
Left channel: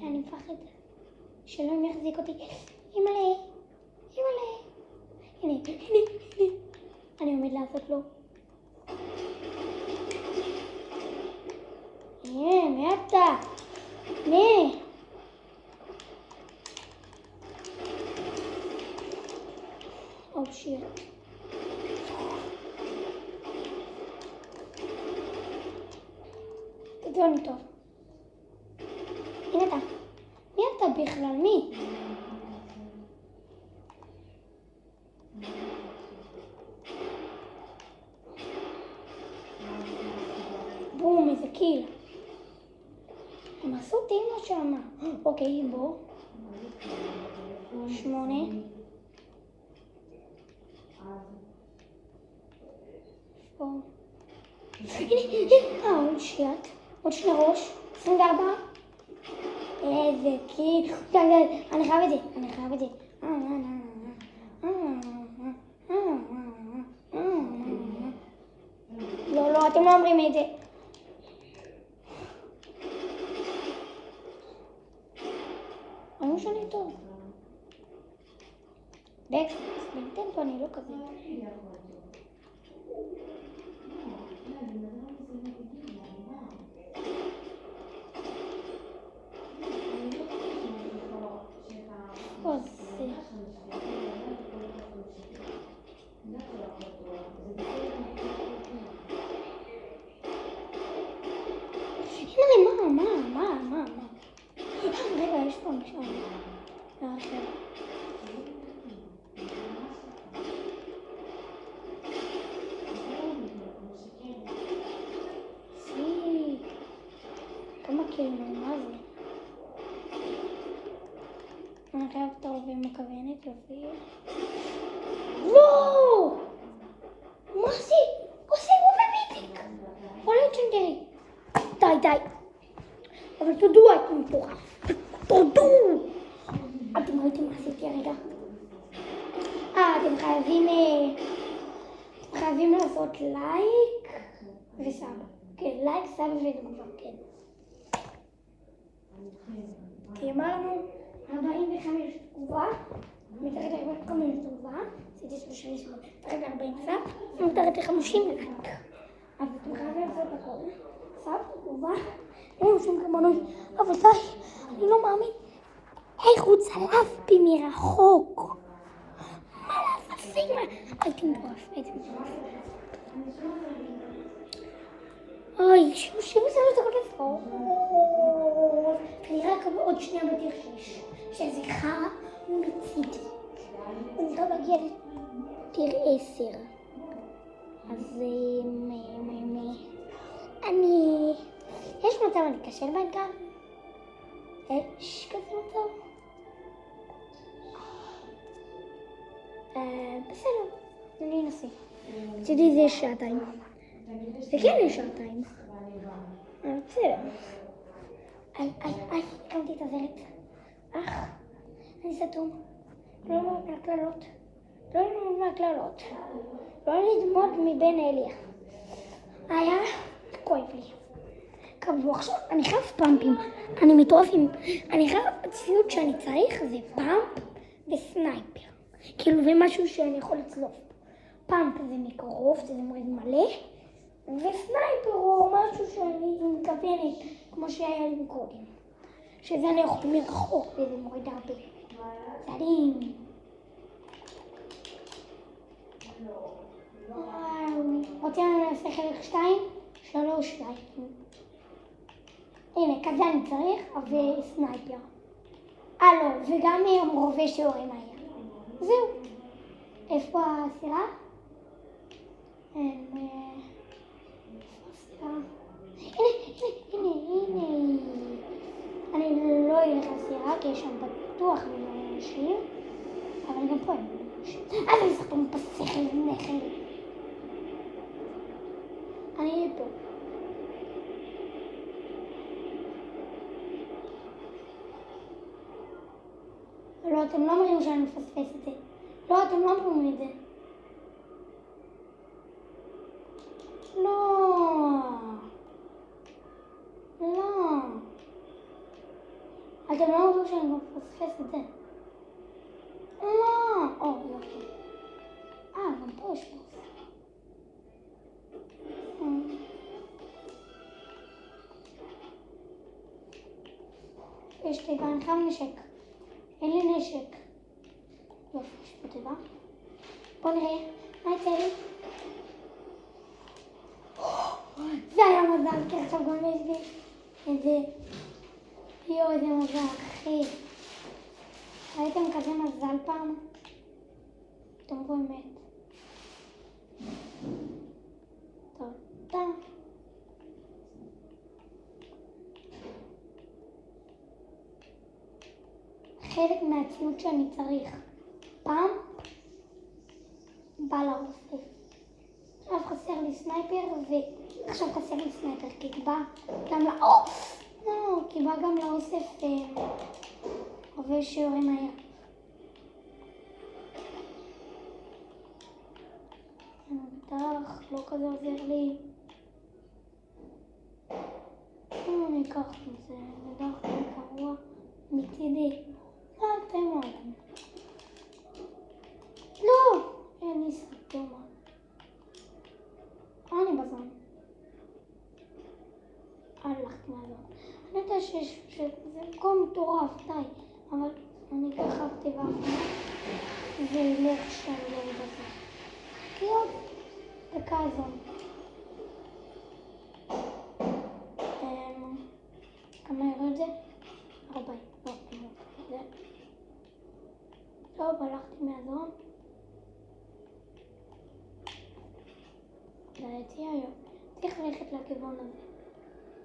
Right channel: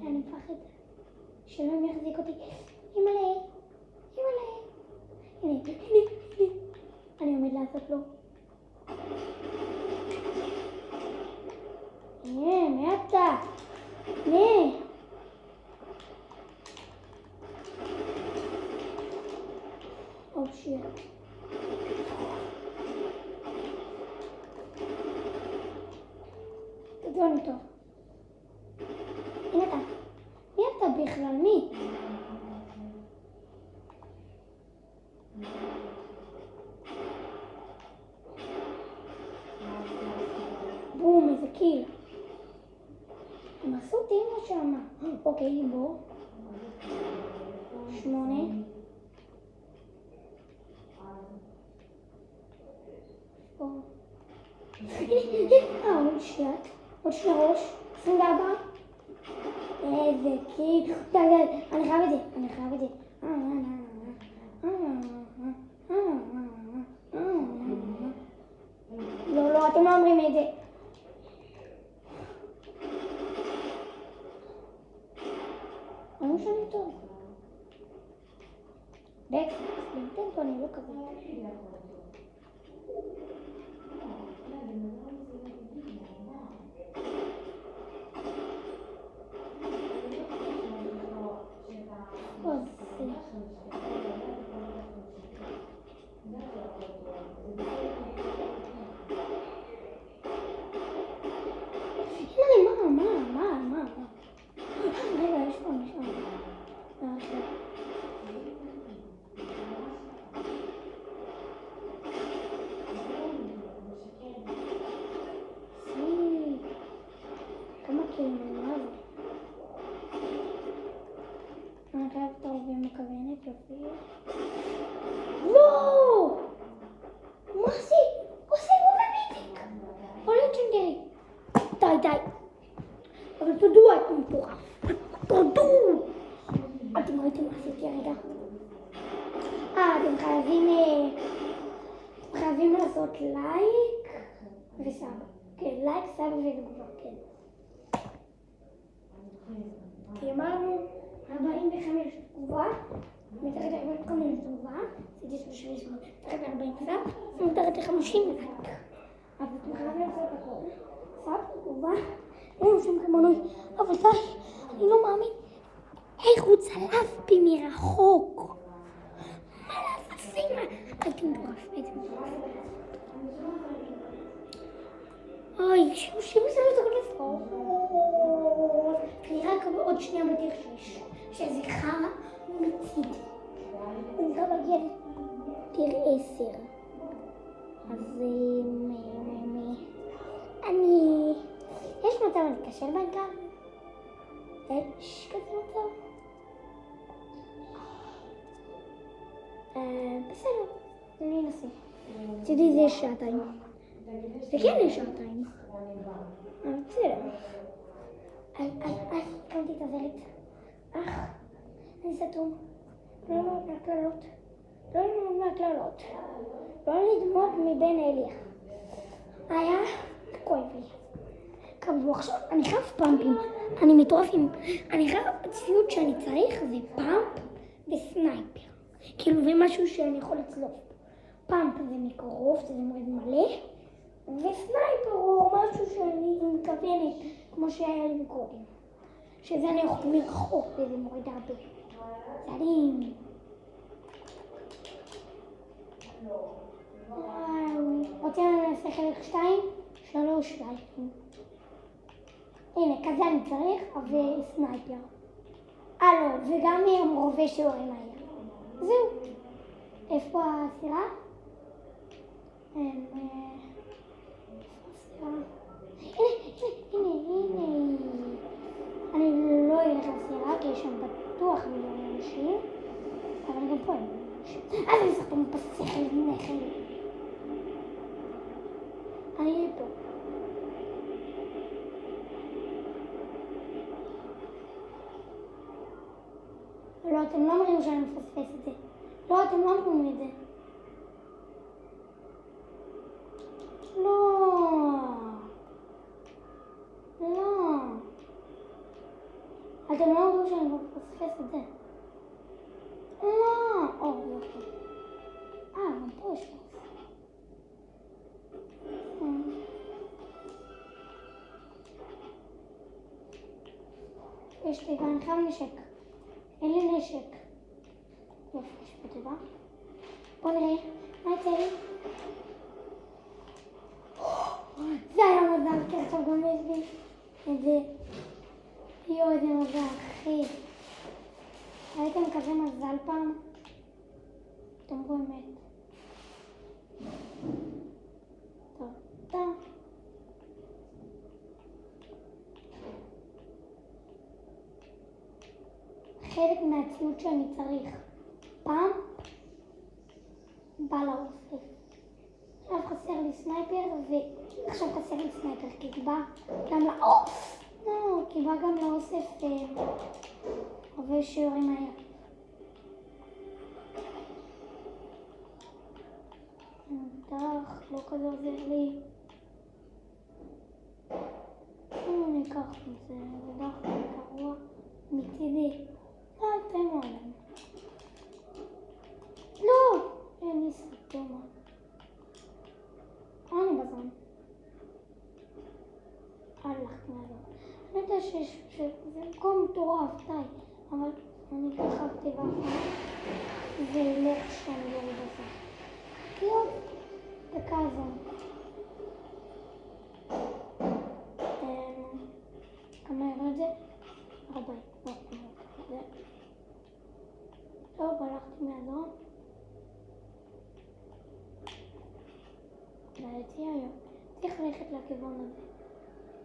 אני מפחד שלא יחזיק אותי. אימא'לה. הנה. אני עומד לעשות לו. מי אתה? מי? שיט. תגיעוני טוב. הנה אתה. מי אתה בכלל? מי? בום, איזה קיל. הם עשו תימא שמה. אוקיי, בוא. 8. עוד שיט. עוד 2 ראש. 24. איזה קיל. אני חייב את זה. לא, אתם לא אומרים את זה. אני משנה טוב. דקס, בנטנטו אני לא כזה. מה? רגע, יש פה משם. כמה כאילו, מה זה? אני חייב טוב ומכוונת להופיע. לא! מה זה? עושה רובי ביטיק! עולה צ'נגרי. די. אבל תודו, אתם מטורף. תודו! אתם ראיתם מה עשיתי הרגע? אתם חייבים לעשות לייק וסאב. כן, לייק, סאב ותגובה, כן. כי אמרנו 45 תגובה, מתחת ל-45 תגובה, עשיתי 38, מתחת ל-40 סאב, ומתחת ל-50 לייק. אז אתם חייבים לעשות הכל. סאב, תגובה, אין שום כמונות, אבל די, אני לא מאמין. איך הוא צלף בי מרחוק? מה לעשות? הייתי מטורף. אוי, 33 דקות לפחות. אני רק עוד שנייה בדרך 6, שזה חרא מצידי. אני לא מגיע לדיר 10. אז יש מצב אני קשה בעיקר? יש כזה מצב? בסדר, אני אנסה. בצדי זה 2 שעות. זה כן 2 שעות. אבל בסדר. קמתי את הזלת. אני סתום. לא ללמוד מהקללות. לא לדמות מבין אליה. היה כואב לי. קבלו עכשיו, אני חייב פאמפים. אני מטורף עם... אני חייב... הציוד שאני צריך זה פאמפ וסנייפר. כאילו זה משהו שאני יכול לצלוף. פאמפ זה מקרוב, זה מורד מלא. וסנייפר הוא משהו שאני מכוונת, כמו שהיה לי קודם. שזה אני יכול מרחוק וזה מורד הרבה. צדים. רוצים לעשות חלק 2? 3 לייקים. הנה, כזה אני צריך, וסנייפר. לא, וגם רובה שיורים מהר. זהו. איפה הסירה? הנה. אני לא אלך לסירה כי יש שם בטוח מיליון אנשים, אבל גם פה אין אנשים. אני משחקים בשכל נכד. אני אהיה פה. לא, אתם לא אומרים שאני מפספס את זה. לא, אתם לא אומרים את זה. לא. לא. אתם לא אומרים שאני מפספס את זה. לא. אוקיי. גם פה יש לי. יש לי גם חם נשק. אין לי נשק. יופי, יש פה תיבה. בוא נראה. מה יצא לי? זה היה מזל, כי עכשיו גם יש לי את זה. יואו, איזה מזל, אחי. ראיתם כזה מזל פעם? אתם באמת. טוב, טוב. חלק מהציוד שאני צריך. פעם בא להוסיף. עכשיו חסר לי סנייפר ועכשיו חסר לי סנייפר כי בא גם כי בא גם להוסיף רובה שיורים מהר. בטח לא כזה עוזר לי. אני אקח את זה, זה דווקא גרוע מצידי. אתם אומרים. לא! אין לי סרטומה. אני בזמן. הלכתי מהזמן. אני יודע שזה מקום מטורף, די. אבל אני ככה טבע ולא אפשר להיות בזה. כאילו, דקה הזו. כמה ירד זה? 40. טוב, הלכתי מהזון. לדעתי היום. צריך ללכת לכיוון הזה.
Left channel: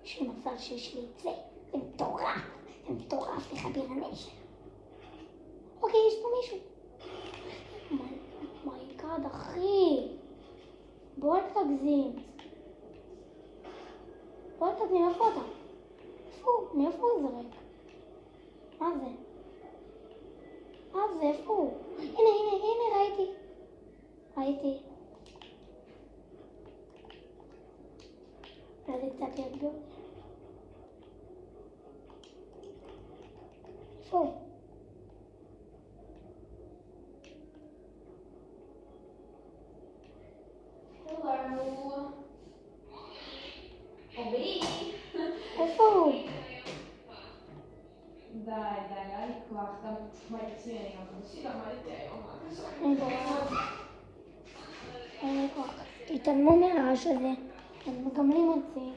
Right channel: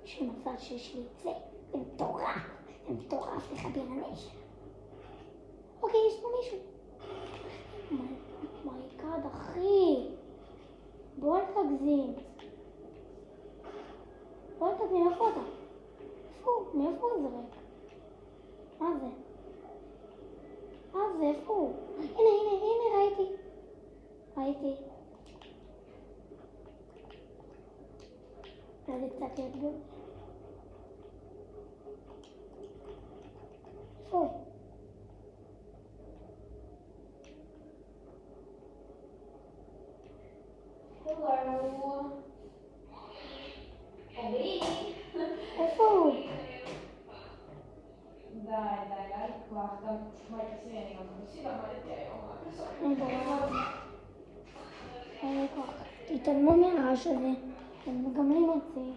יש לי מזל שיש לי את זה. זה מטורף. זה מטורף לחביר הנשק. אוקיי, יש פה מישהו. מייקד, אחי. בוא נתגזים. בוא נתגזים, איפה אתה? מאיפה הוא זורק? מה זה? זה איפה הוא? הנה, ראיתי. אולי זה קצת יגדול. איפה הוא? Hello. אורי. איפה הוא? די, לא לקרוח, אתה מצוין, אבל תשאיר למדתי היום. אין כוח. תתעלמו מהרעש הזה. הם מגמלים אותי.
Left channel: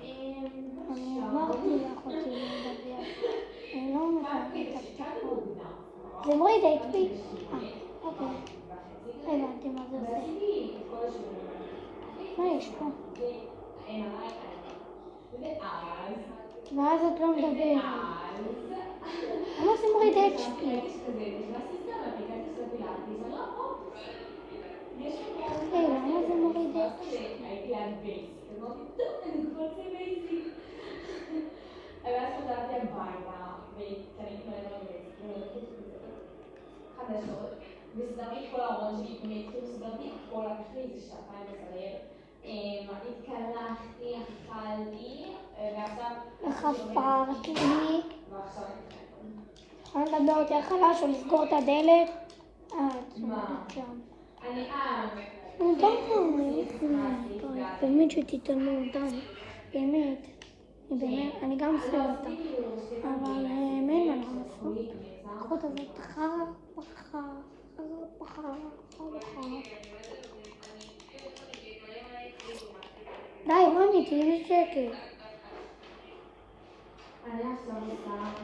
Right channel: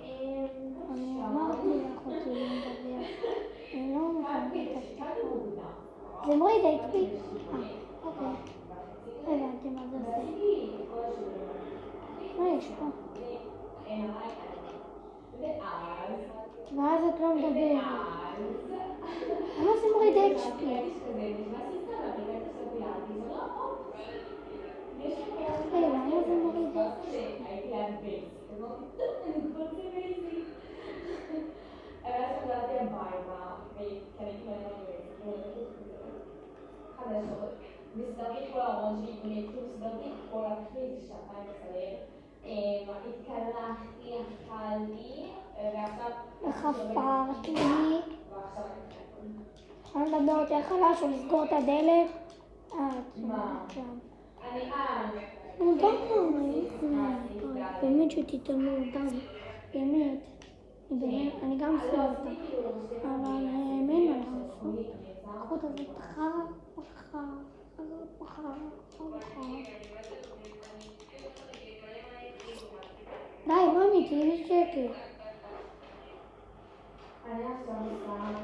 אני אמרתי לאחותי לדבר. אני לא מוכנה לתפקיד. זה מוריד HP. אוקיי. הבנתי מה זה עושה. מה יש פה? ואז את לא מדברת. למה זה מוריד HP? למה זה מוריד HP? ואז חזרתי הביתה וקניתי חדשות וסדרתי כל הארון שלי עם סדרתי הכל, לקח לי איזה שעתיים לסדר. התקלחתי, אכלתי ועכשיו חפרתי לי. אני מדבר יותר חלש או לסגור את הדלת. מה? אני באמת שתתעלמו, די. באמת. אני גם סלוטה. אבל אין מה לעשות. החוט הזאת חרא. די, רומי, תהיי בשקט. אני עכשיו עושה גם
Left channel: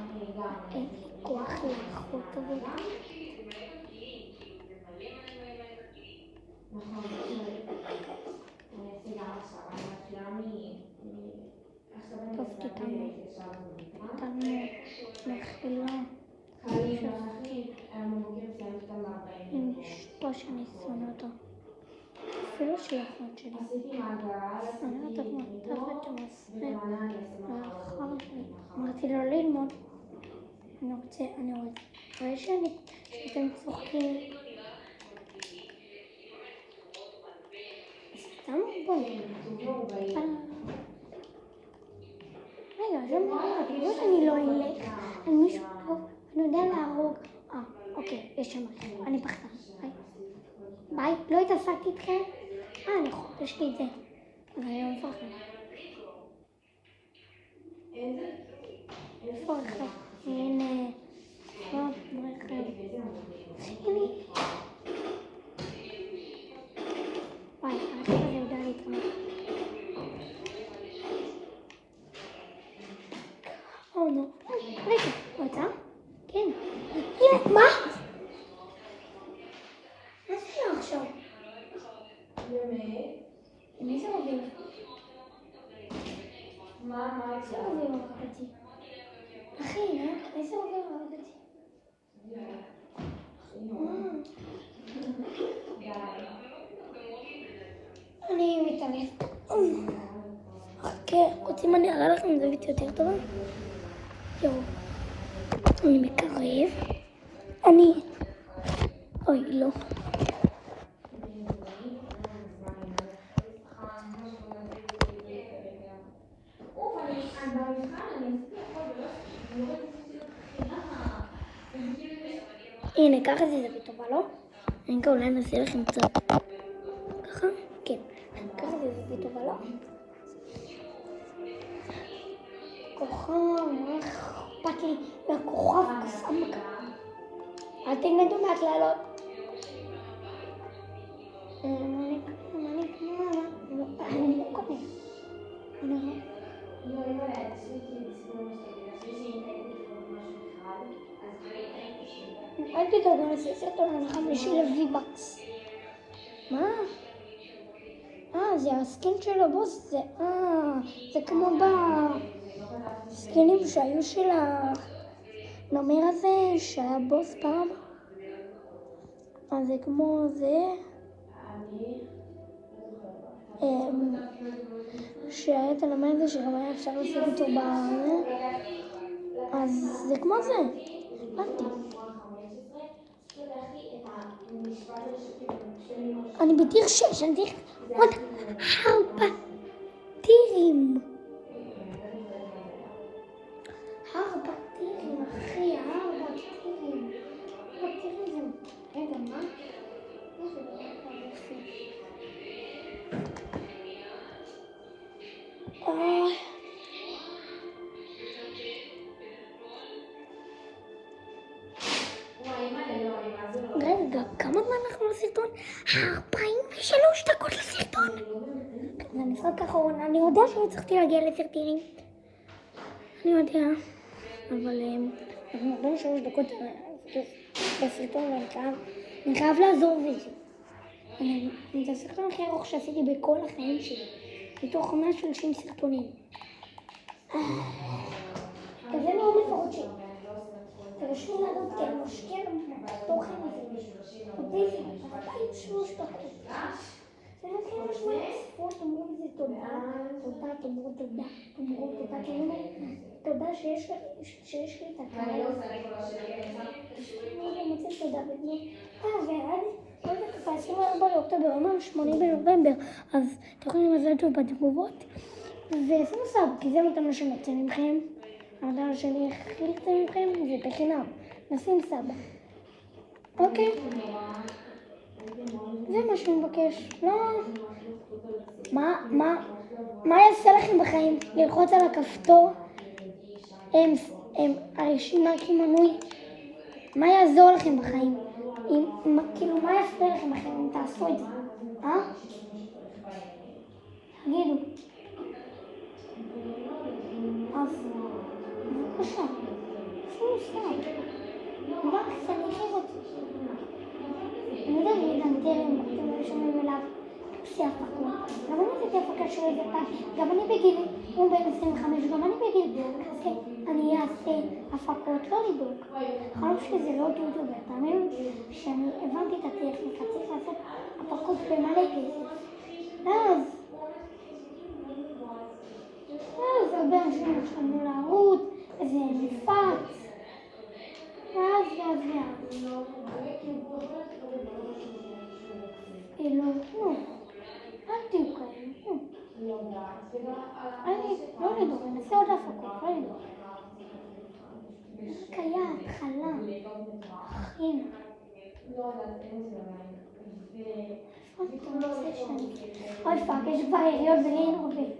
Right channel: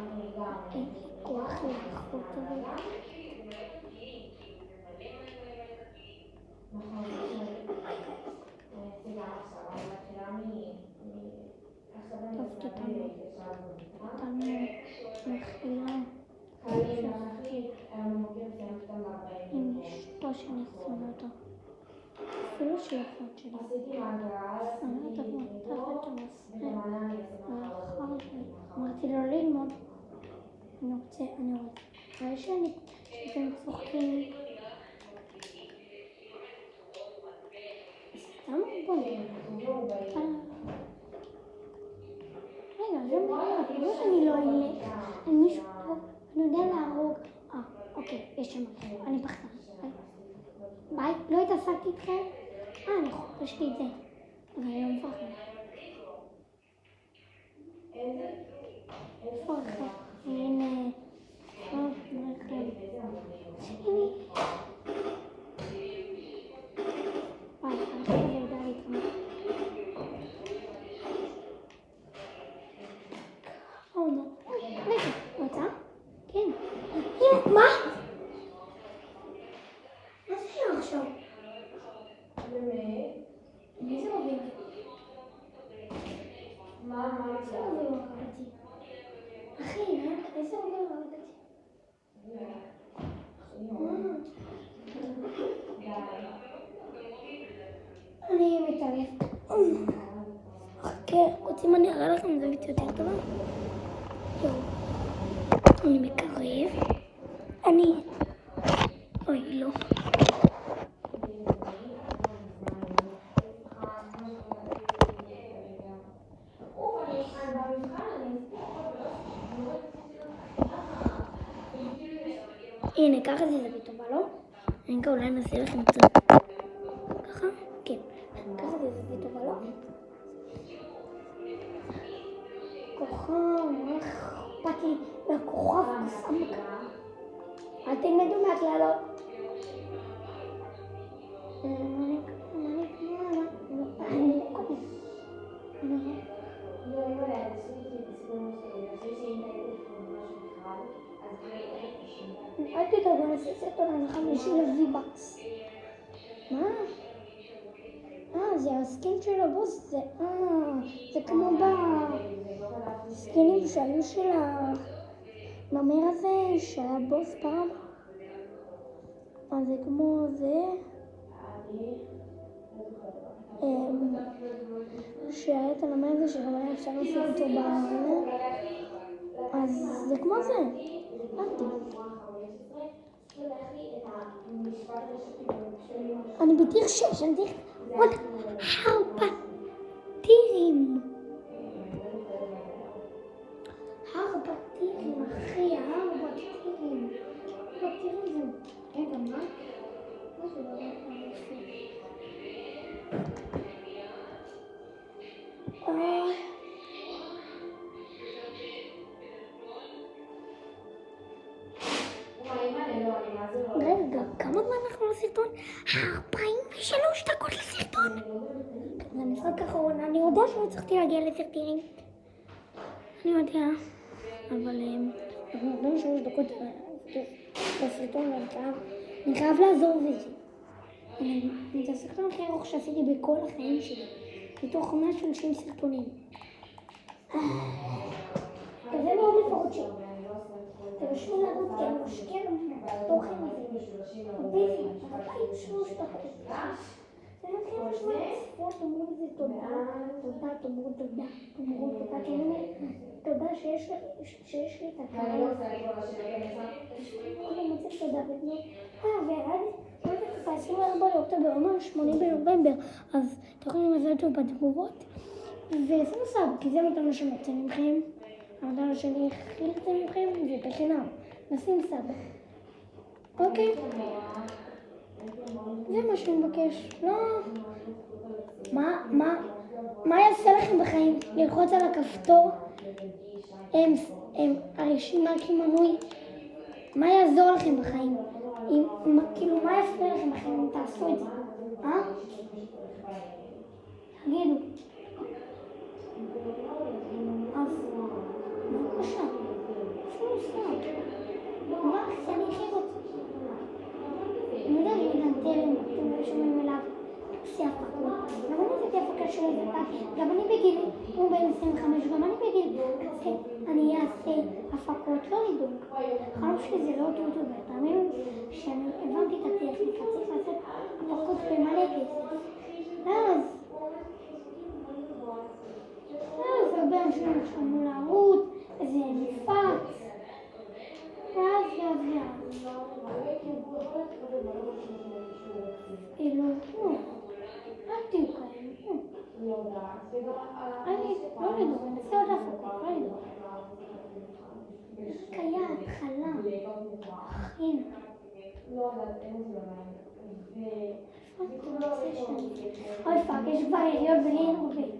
אין לי כוח. אחלה איכות הזאת. טוב, איתנו מכילה שחקי עם אשתו שאני שונא אותו. אפילו שהיא אחות שלי. שונא אותה כמו תחת המספר. ולאחר אמרתי לו ללמוד. אני רוצה שאתם צוחקים. סתם בואו. רגע, זה לא שאני לא אלך על מישהו טוב, אני יודע להרוג. אוקיי, יש שם, אני פחדן. ביי, לא התעסקתי איתכם? יש לי את זה. אבל אני לא מפחד. איפה הולכת? הנה. טוב, רכב. הנה. וואי, הרכב הזה יודע להתאמן. נו. רגע, אותה? כן. הנה, מה? מה זה שם עכשיו? מי זה מוביל? מה זה מוביל הרגתי? אחי, איזה מוביל הרגתי? אני מתעלף. חכה, רוצים אני אראה לכם זווית יותר טובה? יואו. אני מתקרב. אוי, לא. הנה, ככה זה זווית טובה, לא? אני גם אולי נעשה לכם קצת. ככה? כן. ככה זה זווית טובה, לא? כוכב, מה אכפת לי? והכוכב קסמק. אל תלמדו מהכללות. אל תדאגו, נעשה סרטון על 5 לווי-בקס. מה? זה הסקין של הבוס, זה כמו בסקינים שהיו של הנמר הזה, שהיה בוס פעם. אז זה כמו זה. שהיה את הנמר הזה שגם היה אפשר לשים אותו אז זה כמו זה. הבנתי. אני בטיר 6, אני צריך עוד 4 טירים. 4 טירים, אחי, 4 טירים. 4 טירים זה... רגע, מה? מה זה לא יפה? רגע, כמה זמן אנחנו לסרטון? 43 דקות לסרטון. זה משחק אחרון, אני יודע שאני צריכתי להגיע לסרטונים. אני יודע, אבל אנחנו 43 דקות לסרטון, אני חייב לעזור בזה. זה הסרטון הכי ארוך שעשיתי בכל החיים שלי, מתוך 130 סרטונים. כזה מאוד לפחות שלי. תרשו לעבוד כי אני משקיע תוכן הזה. דיזי, 43 דקות. זה לא כאילו משהו לספור, תאמרו איזה תודה, תאמרו תודה, תודה שיש לי את הקהל. אני מוצא תודה ועד לא תקופה 24 לאוקטובר, אומר 8 בנובמבר, אז אתם יכולים לזהות אותו בתגובות ושימו סאב, כי זה נותן שאני יוצא ממכם. הדבר שאני הכי יוצא ממכם זה בחינם, נשים סאב. אוקיי? זה מה שאני מבקש. לא... מה יעשה לכם בחיים? ללחוץ על הכפתור? הרשימה כמנוי? מה יעזור לכם בחיים? כאילו, מה יפריע לכם בחיים אם תעשו את זה? תגידו. אז, בבקשה. שום סתם. שומעים אליו עושה הפקות. גם אני עשיתי הפקה של איזה פעם, גם אני בגיל, הוא בן 25, גם אני בגיל כזה, אני אעשה הפקות, לא לדאוג. החלום שלי זה לא יוטיובר, תאמינו שאני הבנתי את הטכניקה, צריך לעשות הפקות במלא כסף. אז הרבה אנשים התחלנו לערוץ, איזה מפץ, ואז. כאילו, אל תהיו כאלה, אני לא לדאוג, נעשה עוד הפקות, לא לדאוג. קיים, חלם, חיים. אוי פאק, יש כבר יריות ולי אין עובד.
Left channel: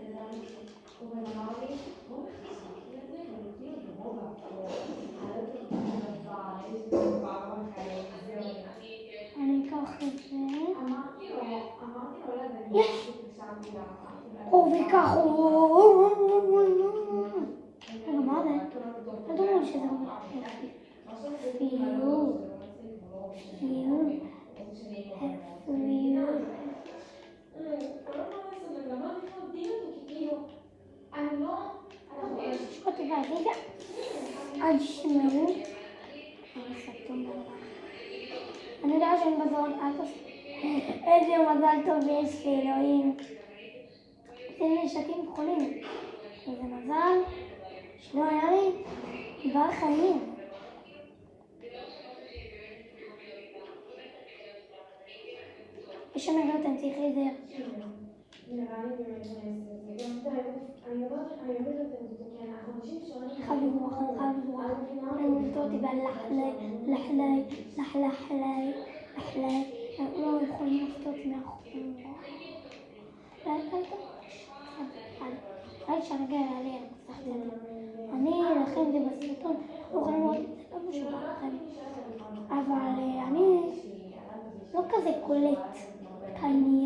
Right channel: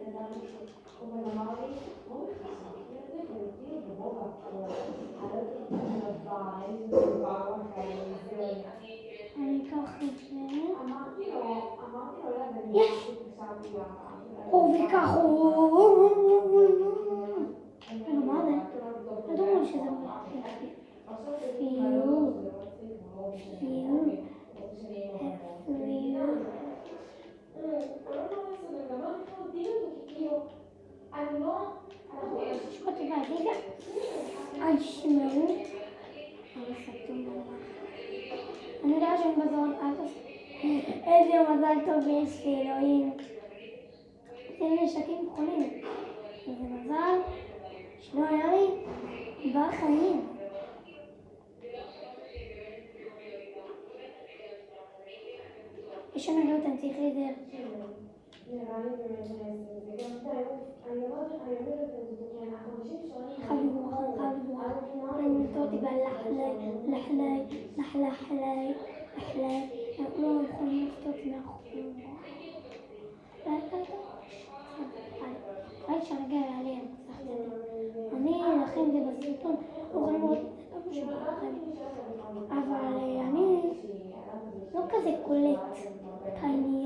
אני אקח את זה. יש! וכך רגע, מה זה? לא דומה שזה יפה. אני יודעת שאני בזרון, איזה מזל טוב יש לי, אלוהים. זה נשקים חולים. איזה מזל שלא היה לי דבר חיים. יש שם נראות, אני צריך להיזהר. חביבו, אני מלטה אותי לחלחלי. הם לא יכולים לפתור אותי מהחוקים. אל תשרגע עליהם, אני אלחם את זה בסרטון, לא יכולים לראות את זה כמו שבא לכם. אבל אני לא כזה קולט את העניין.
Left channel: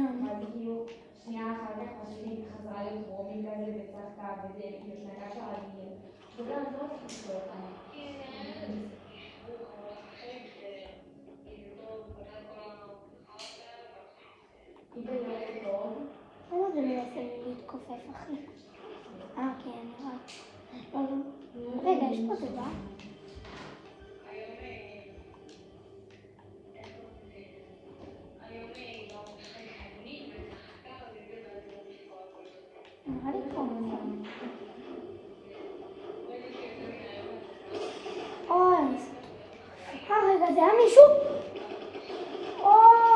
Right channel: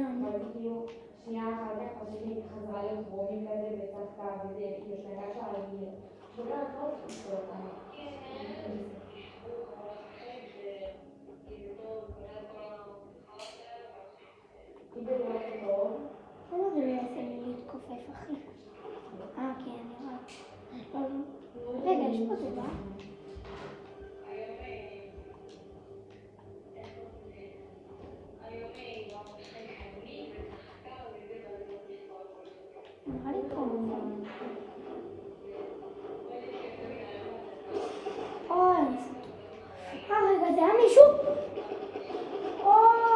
למה זה לא יעשה לי להתכופף, אחי? כן, נראה. רגע, יש פה דבר? נראה לי פה נכון. אני סתום. רגע, זה היה מישהו?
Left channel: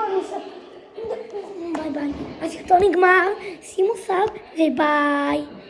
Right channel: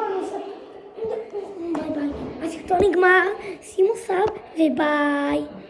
אני סתום. ביי ביי. הסרטון נגמר, שימו סאב וביי.